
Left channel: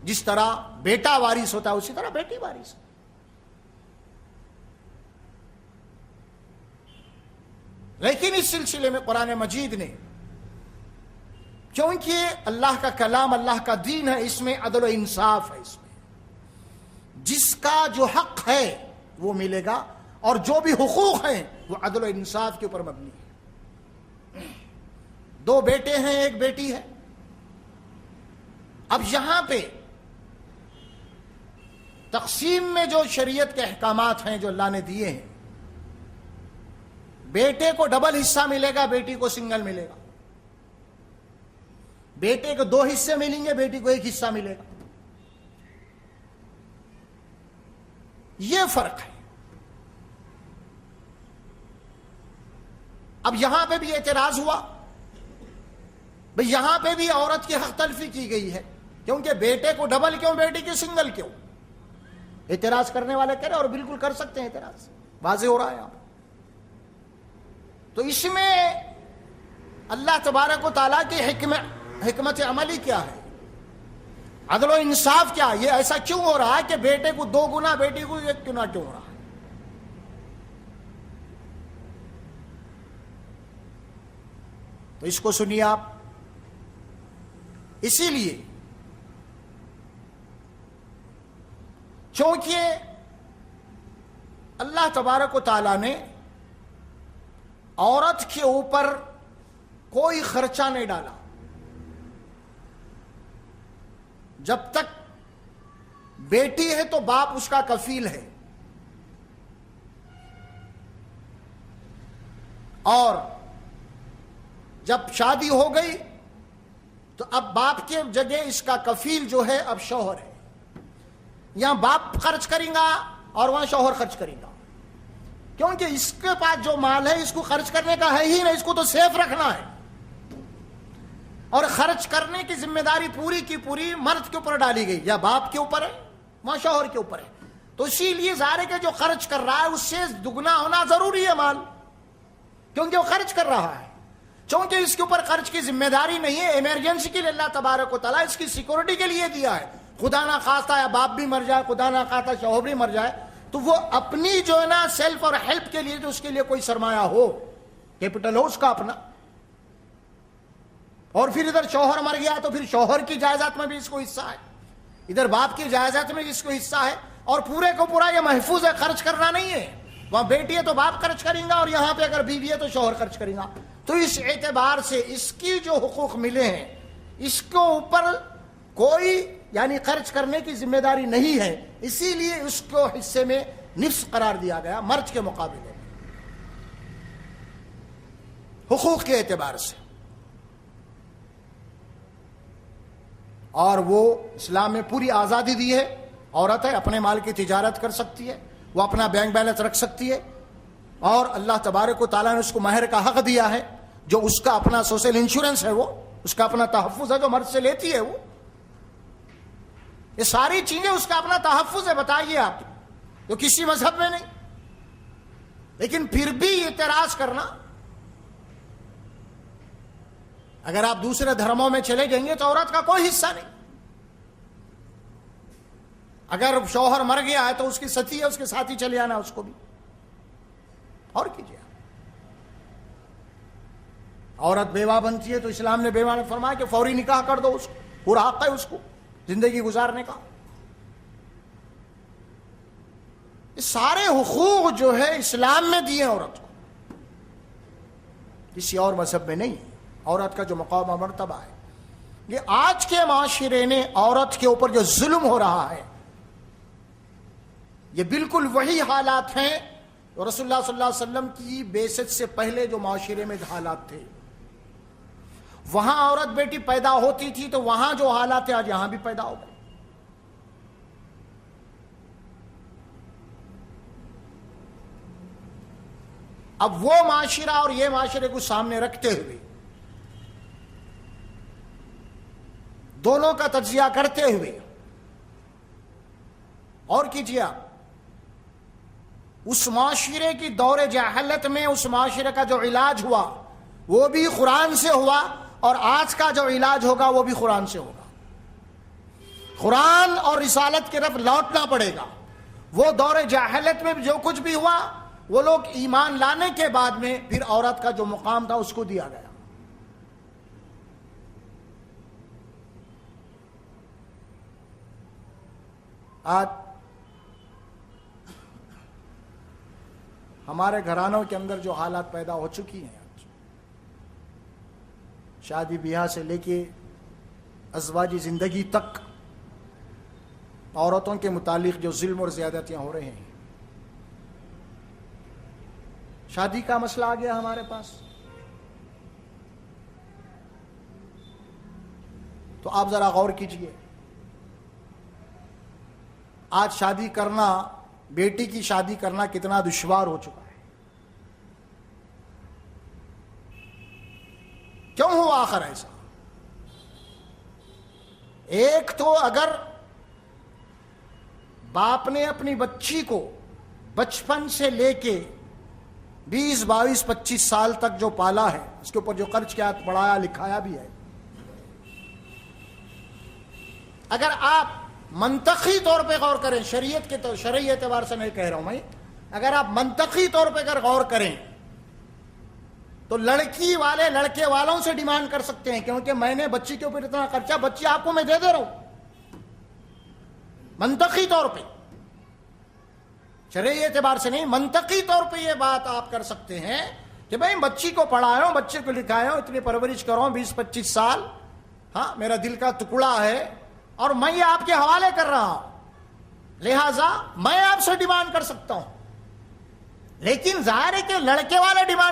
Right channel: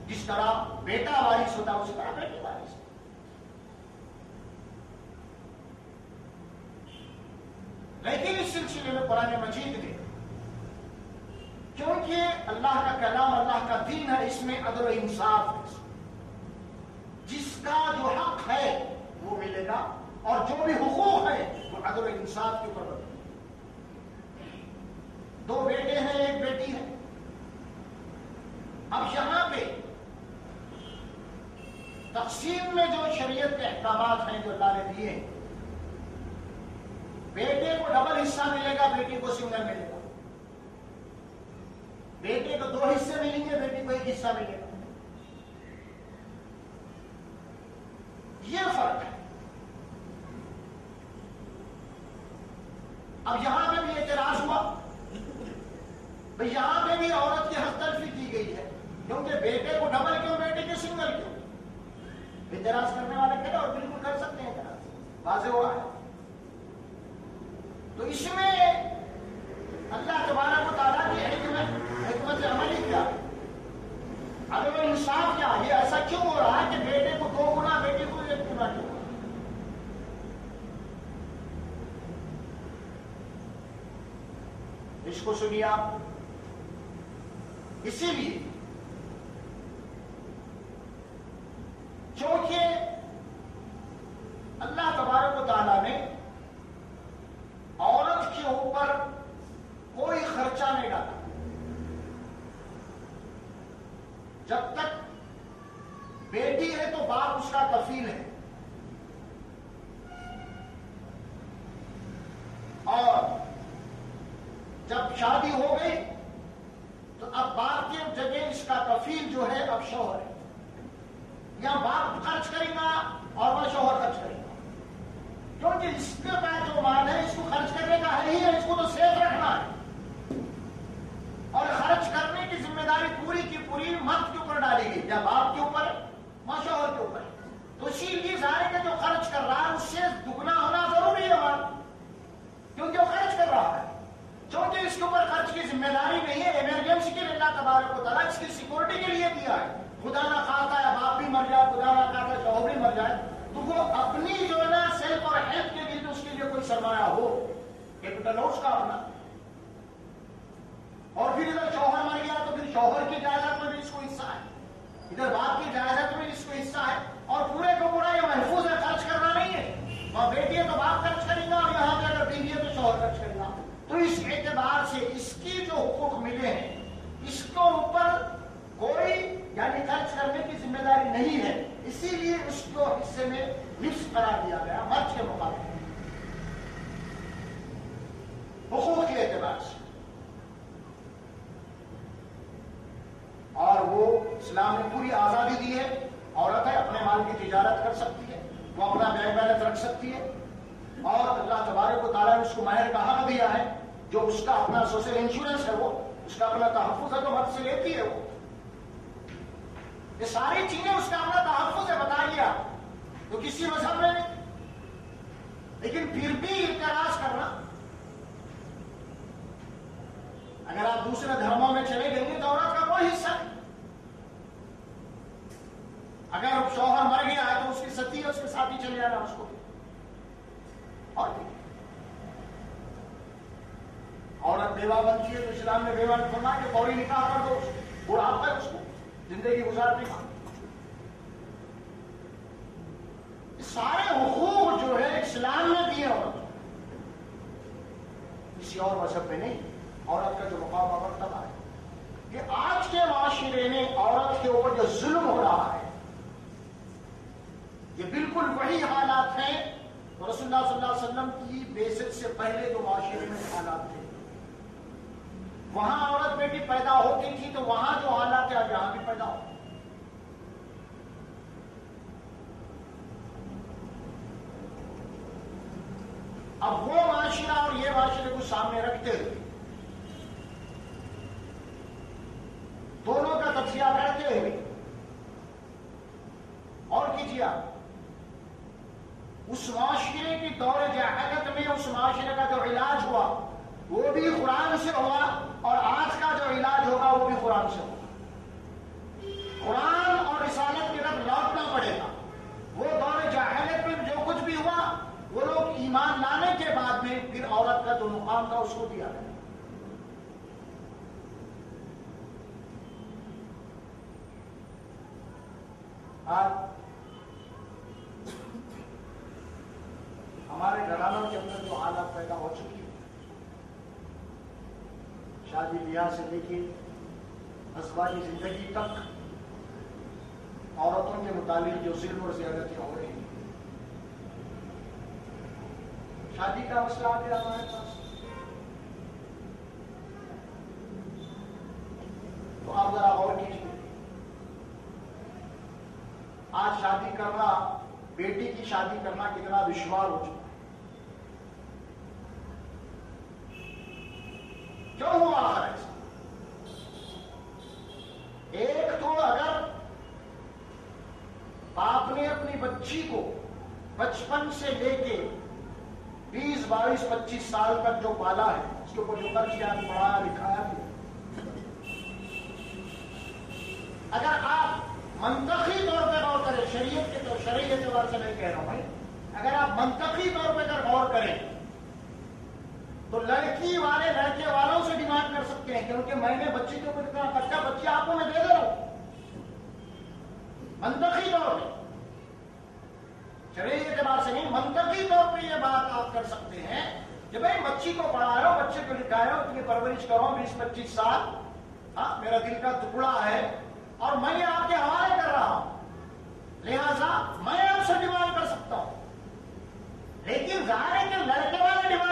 جس طرح بیٹا وارث ہوتا ہے اسی طرح بیٹی وارث ہے. لیکن اس سلسلے میں قرآن مجید نے, کیونکہ اللہ کا کلام اللہ کا دین ہے, اس میں عدل و انصاف ہے. اس میں جس کا جو حق ہے وہ ملے گا, اور جو بھی حقوق ہیں وہ عدل و انصاف کے اوپر مبنی ہے. 2 بیٹے ہیں 1 بیٹی ہے. اب یہاں پہ تقسیم میں جو شریعت کے احکامات ہیں جو اللہ نے دیے ہیں, بیٹے کو ڈبل حصہ ملے گا, بیٹی کو سنگل ملے گا. بیٹے کو 2 حصے ملیں گے, بیٹی کو 1 حصہ ملے گا. یہ فرق ہے. اب یہاں پہ بھی اعتراض ہوا, بھئی یہاں پہ بھی عورت کی حق تلفی کی گئی ہے, کیونکہ بیٹے کو ڈبل کیوں, بیٹی کی سنگل کیوں؟ اعتراض کرنے والے کریں, اور بالکل کر سکتے ہیں اعتراض, واضح ہو رہا ہے. تو اس میں اللہ تبارک و تعالیٰ کی حکمت عملی کیا ہے, عدل و انصاف کیا ہے؟ یہ ایسا کیوں ہو رہا ہے کہ بیٹے کو 2 گنا, بیٹی کو 1 گنا کیوں ہو رہا ہے؟ تو اس کو سنیے آپ. اسی لیے چونکہ اللہ تبارک و تعالیٰ نے عورت کے اوپر کوئی خرچہ نہیں ڈالا. جب تک بیٹی ہے تو باپ اس کا کفیل ہے, اور جب شادی ہو گئی تو اب باپ کے جگہ اس کا کفیل جو ہے اب شوہر ہے. یہاں باپ خرچ کرے گا اور وہاں شوہر خرچ کرے گا. کیونکہ اس کے پاس جو مال ہے اس کو خرچ کرنے کا ہے ہی نہیں، اس کو تو سیف رکھنا ہے، اور خرچ کرنے کی ذمہ داری پوری کی پوری مرد کے اوپر ڈالی گئی، یا باپ کے اوپر ہے یا شوہر کے اوپر ہے۔ تو اسی لیے ظاہر ہے کہ جو خرچ کر رہا ہے اس سے دگنا ہونا ضروری ہے مال، کیونکہ وہ خرچ کر رہا ہے۔ چونکہ اس کے اوپر خرچ کی ذمہ داری نہیں ہے، ایمرجنسی کے لیے اللہ تبارک و تعالیٰ اس کی سیکورٹی کے لیے دیا ہے، خدا نہ خواستہ یا باپ بھی مر جائے، خدا نہ خواستہ شوہر بھی مر جائے، تو وہ اپنی جو ہے نا سیلف اور ہیلپ کے لیے جو اس کے لیے کوئی سرمایہ ہو، کیپٹل ہو اس کا اپنا، اور پھر ادھر شوہر مر گیا تو پھر شوہر کی جائیداد میں بھی اس کو حصہ ہے، ادھر باپ کی جائیداد میں اس کو حصہ ہے، اور پورے کو پورا یہ محفوظ ہے، خرچ کرنا نہیں ہے، وہاں بیٹی ہے تو باپ خرچ کریں گا، اور یہاں پہ اگر بیوی ہے تو شوہر خرچ کریں گا۔ تو اس اعتبار سے اس کی جو حقوق ملے ہیں اس کو اوپر کوئی یعنی خرچ کرنے کی ذمہ داری نہیں ہے، اسی لیے اس کو حصے میں نصف قرار دیا گیا مرد کے مقابلے حقوق کے اعتبار سے۔ اور وہ اسلام میں پوری آزادی دی ہے، عورت ہے اپنے مال کی تجارت کر سکتی ہے، وہ اپنا بینک بیلنس رکھ سکتی ہے، اور اللہ تبارک و تعالیٰ نے اس کو مہر کا حق دیا ہے، جو اس کا اپنا سوشل انشورنس ہے، وہ اس کا اپنا تحفظ ہے جو مرد سے لیتی ہے، وہ یہ ساری چیزیں اس کا اپنا تحفظ ہے، بتائیے آپ، تو کسی مذہب میں نہیں۔ لیکن پھر بھی اعتراض کرنا، اگر آپ دوسرے دھرموں میں چلے جائیں گے تو عورت کا کوئی حصہ نہیں، اگر شوہر مر گیا ہے تو اس کی ستی ہے، اس کے ساتھ ہی چلے جانا اس کو بھی، اور کیجیے۔ عورت بیوہ بنتی ہے تو اسلام نے بیوہ میں فرمایا کہ فوری نکاح کر دو، اس کو پورا حق ہے اس کو زندگی گزارنے کا۔ سارے حقوق جو ہے اسلام میں دیے عورت کو، کسی اور مذہب میں نہیں۔ عورت کا جو مقام و مرتبہ ہے، یہ آج کے معاشرے نے عورت کے اوپر جو ظلم ہو رہا ہے، یہ بالکل وہی حالات ہیں رسول اللہ صلی اللہ علیہ وسلم کی بعثت سے پہلے جو معاشرے میں حالات تھے۔ وہاں عورت بیٹی پیدا ہوتی تھی تو وہاں جو حالات ہیں آج یہاں بھی پیدا ہو۔ اب وہ معاشرہ اور یہ معاشرے کو سامنے رکھتے ہوئے، دونوں کا تجزیہ کرتے ہوئے، اور کیجیے آپ، اس معاشرے کی دور جہالت میں اس معاشرے کا جو علاج ہوا وہ بھی قرآن سے ہوا، اور آج کا جو علاج ہوگا وہ بھی قرآن سے ہوگا۔ قرآن اور رسالت کی طرف لوٹنا پڑے گا۔ وہ دور جہالت میں جو کچھ بھی ہوا، وہ لوگ ایمان لانے کے بعد میں پھر عورت کا جو مقام تھا اس کو دیا گیا۔ آج ہمارے گھرانوں کے اندر جو حالات پیدا ہو چکی ہیں، شادی بیاہ سے لے کے ازواجی زندگی تک عورتوں کے متعلق جو ظلم اور زیادتیاں ہو رہے ہیں، شادی کا مسئلہ آ گیا ہمارے پاس، تو آپ ذرا غور کیجئے۔ آج شادی کرنا، بیٹی کی شادی کرنا کتنا دشوار ہو چکا ہے۔ کیوں ہوا آخر ایسا؟ ایک تو اگر باپ نے اپنی بچی کو بچپن سے لے کے 20 22 25 سال تک جو پالا ہے، اس کے اوپر جو خرچ کیا، پڑھایا لکھایا بھی ہے، اگر آپ منطقی طور پہ غور کریں، شریعت کے تو شرعی اعتبار سے میں کہہ رہا ہوں میں، اگر آپ منطقی طور پہ اگر غور کریں تو لڑکی والے لڑکے والوں سے ڈیمانڈ کر سکتے ہیں، کیونکہ میں نے بچی کے اوپر اتنا خرچہ، بچی آپ کو میں دے رہا ہوں۔ منطقی طور پہ، شرعی اعتبار سے نہیں، منطقی طور پہ یہ بات آپ کر سکتے ہیں کہ بھائی بچی کو پڑھایا ہوں، بچے کو لکھایا ہوں، اتنی پرورش کرا ہوں 20 25 سال، ہاں میرا دل کا ٹکڑا ہے، اور میں یہ آپ کے حوالے کر رہا ہوں، لہذا میں آپ سے ڈیمانڈ کر سکتا ہوں۔ لیکن ظاہر ہے کہ لڑکے والے ڈیمانڈ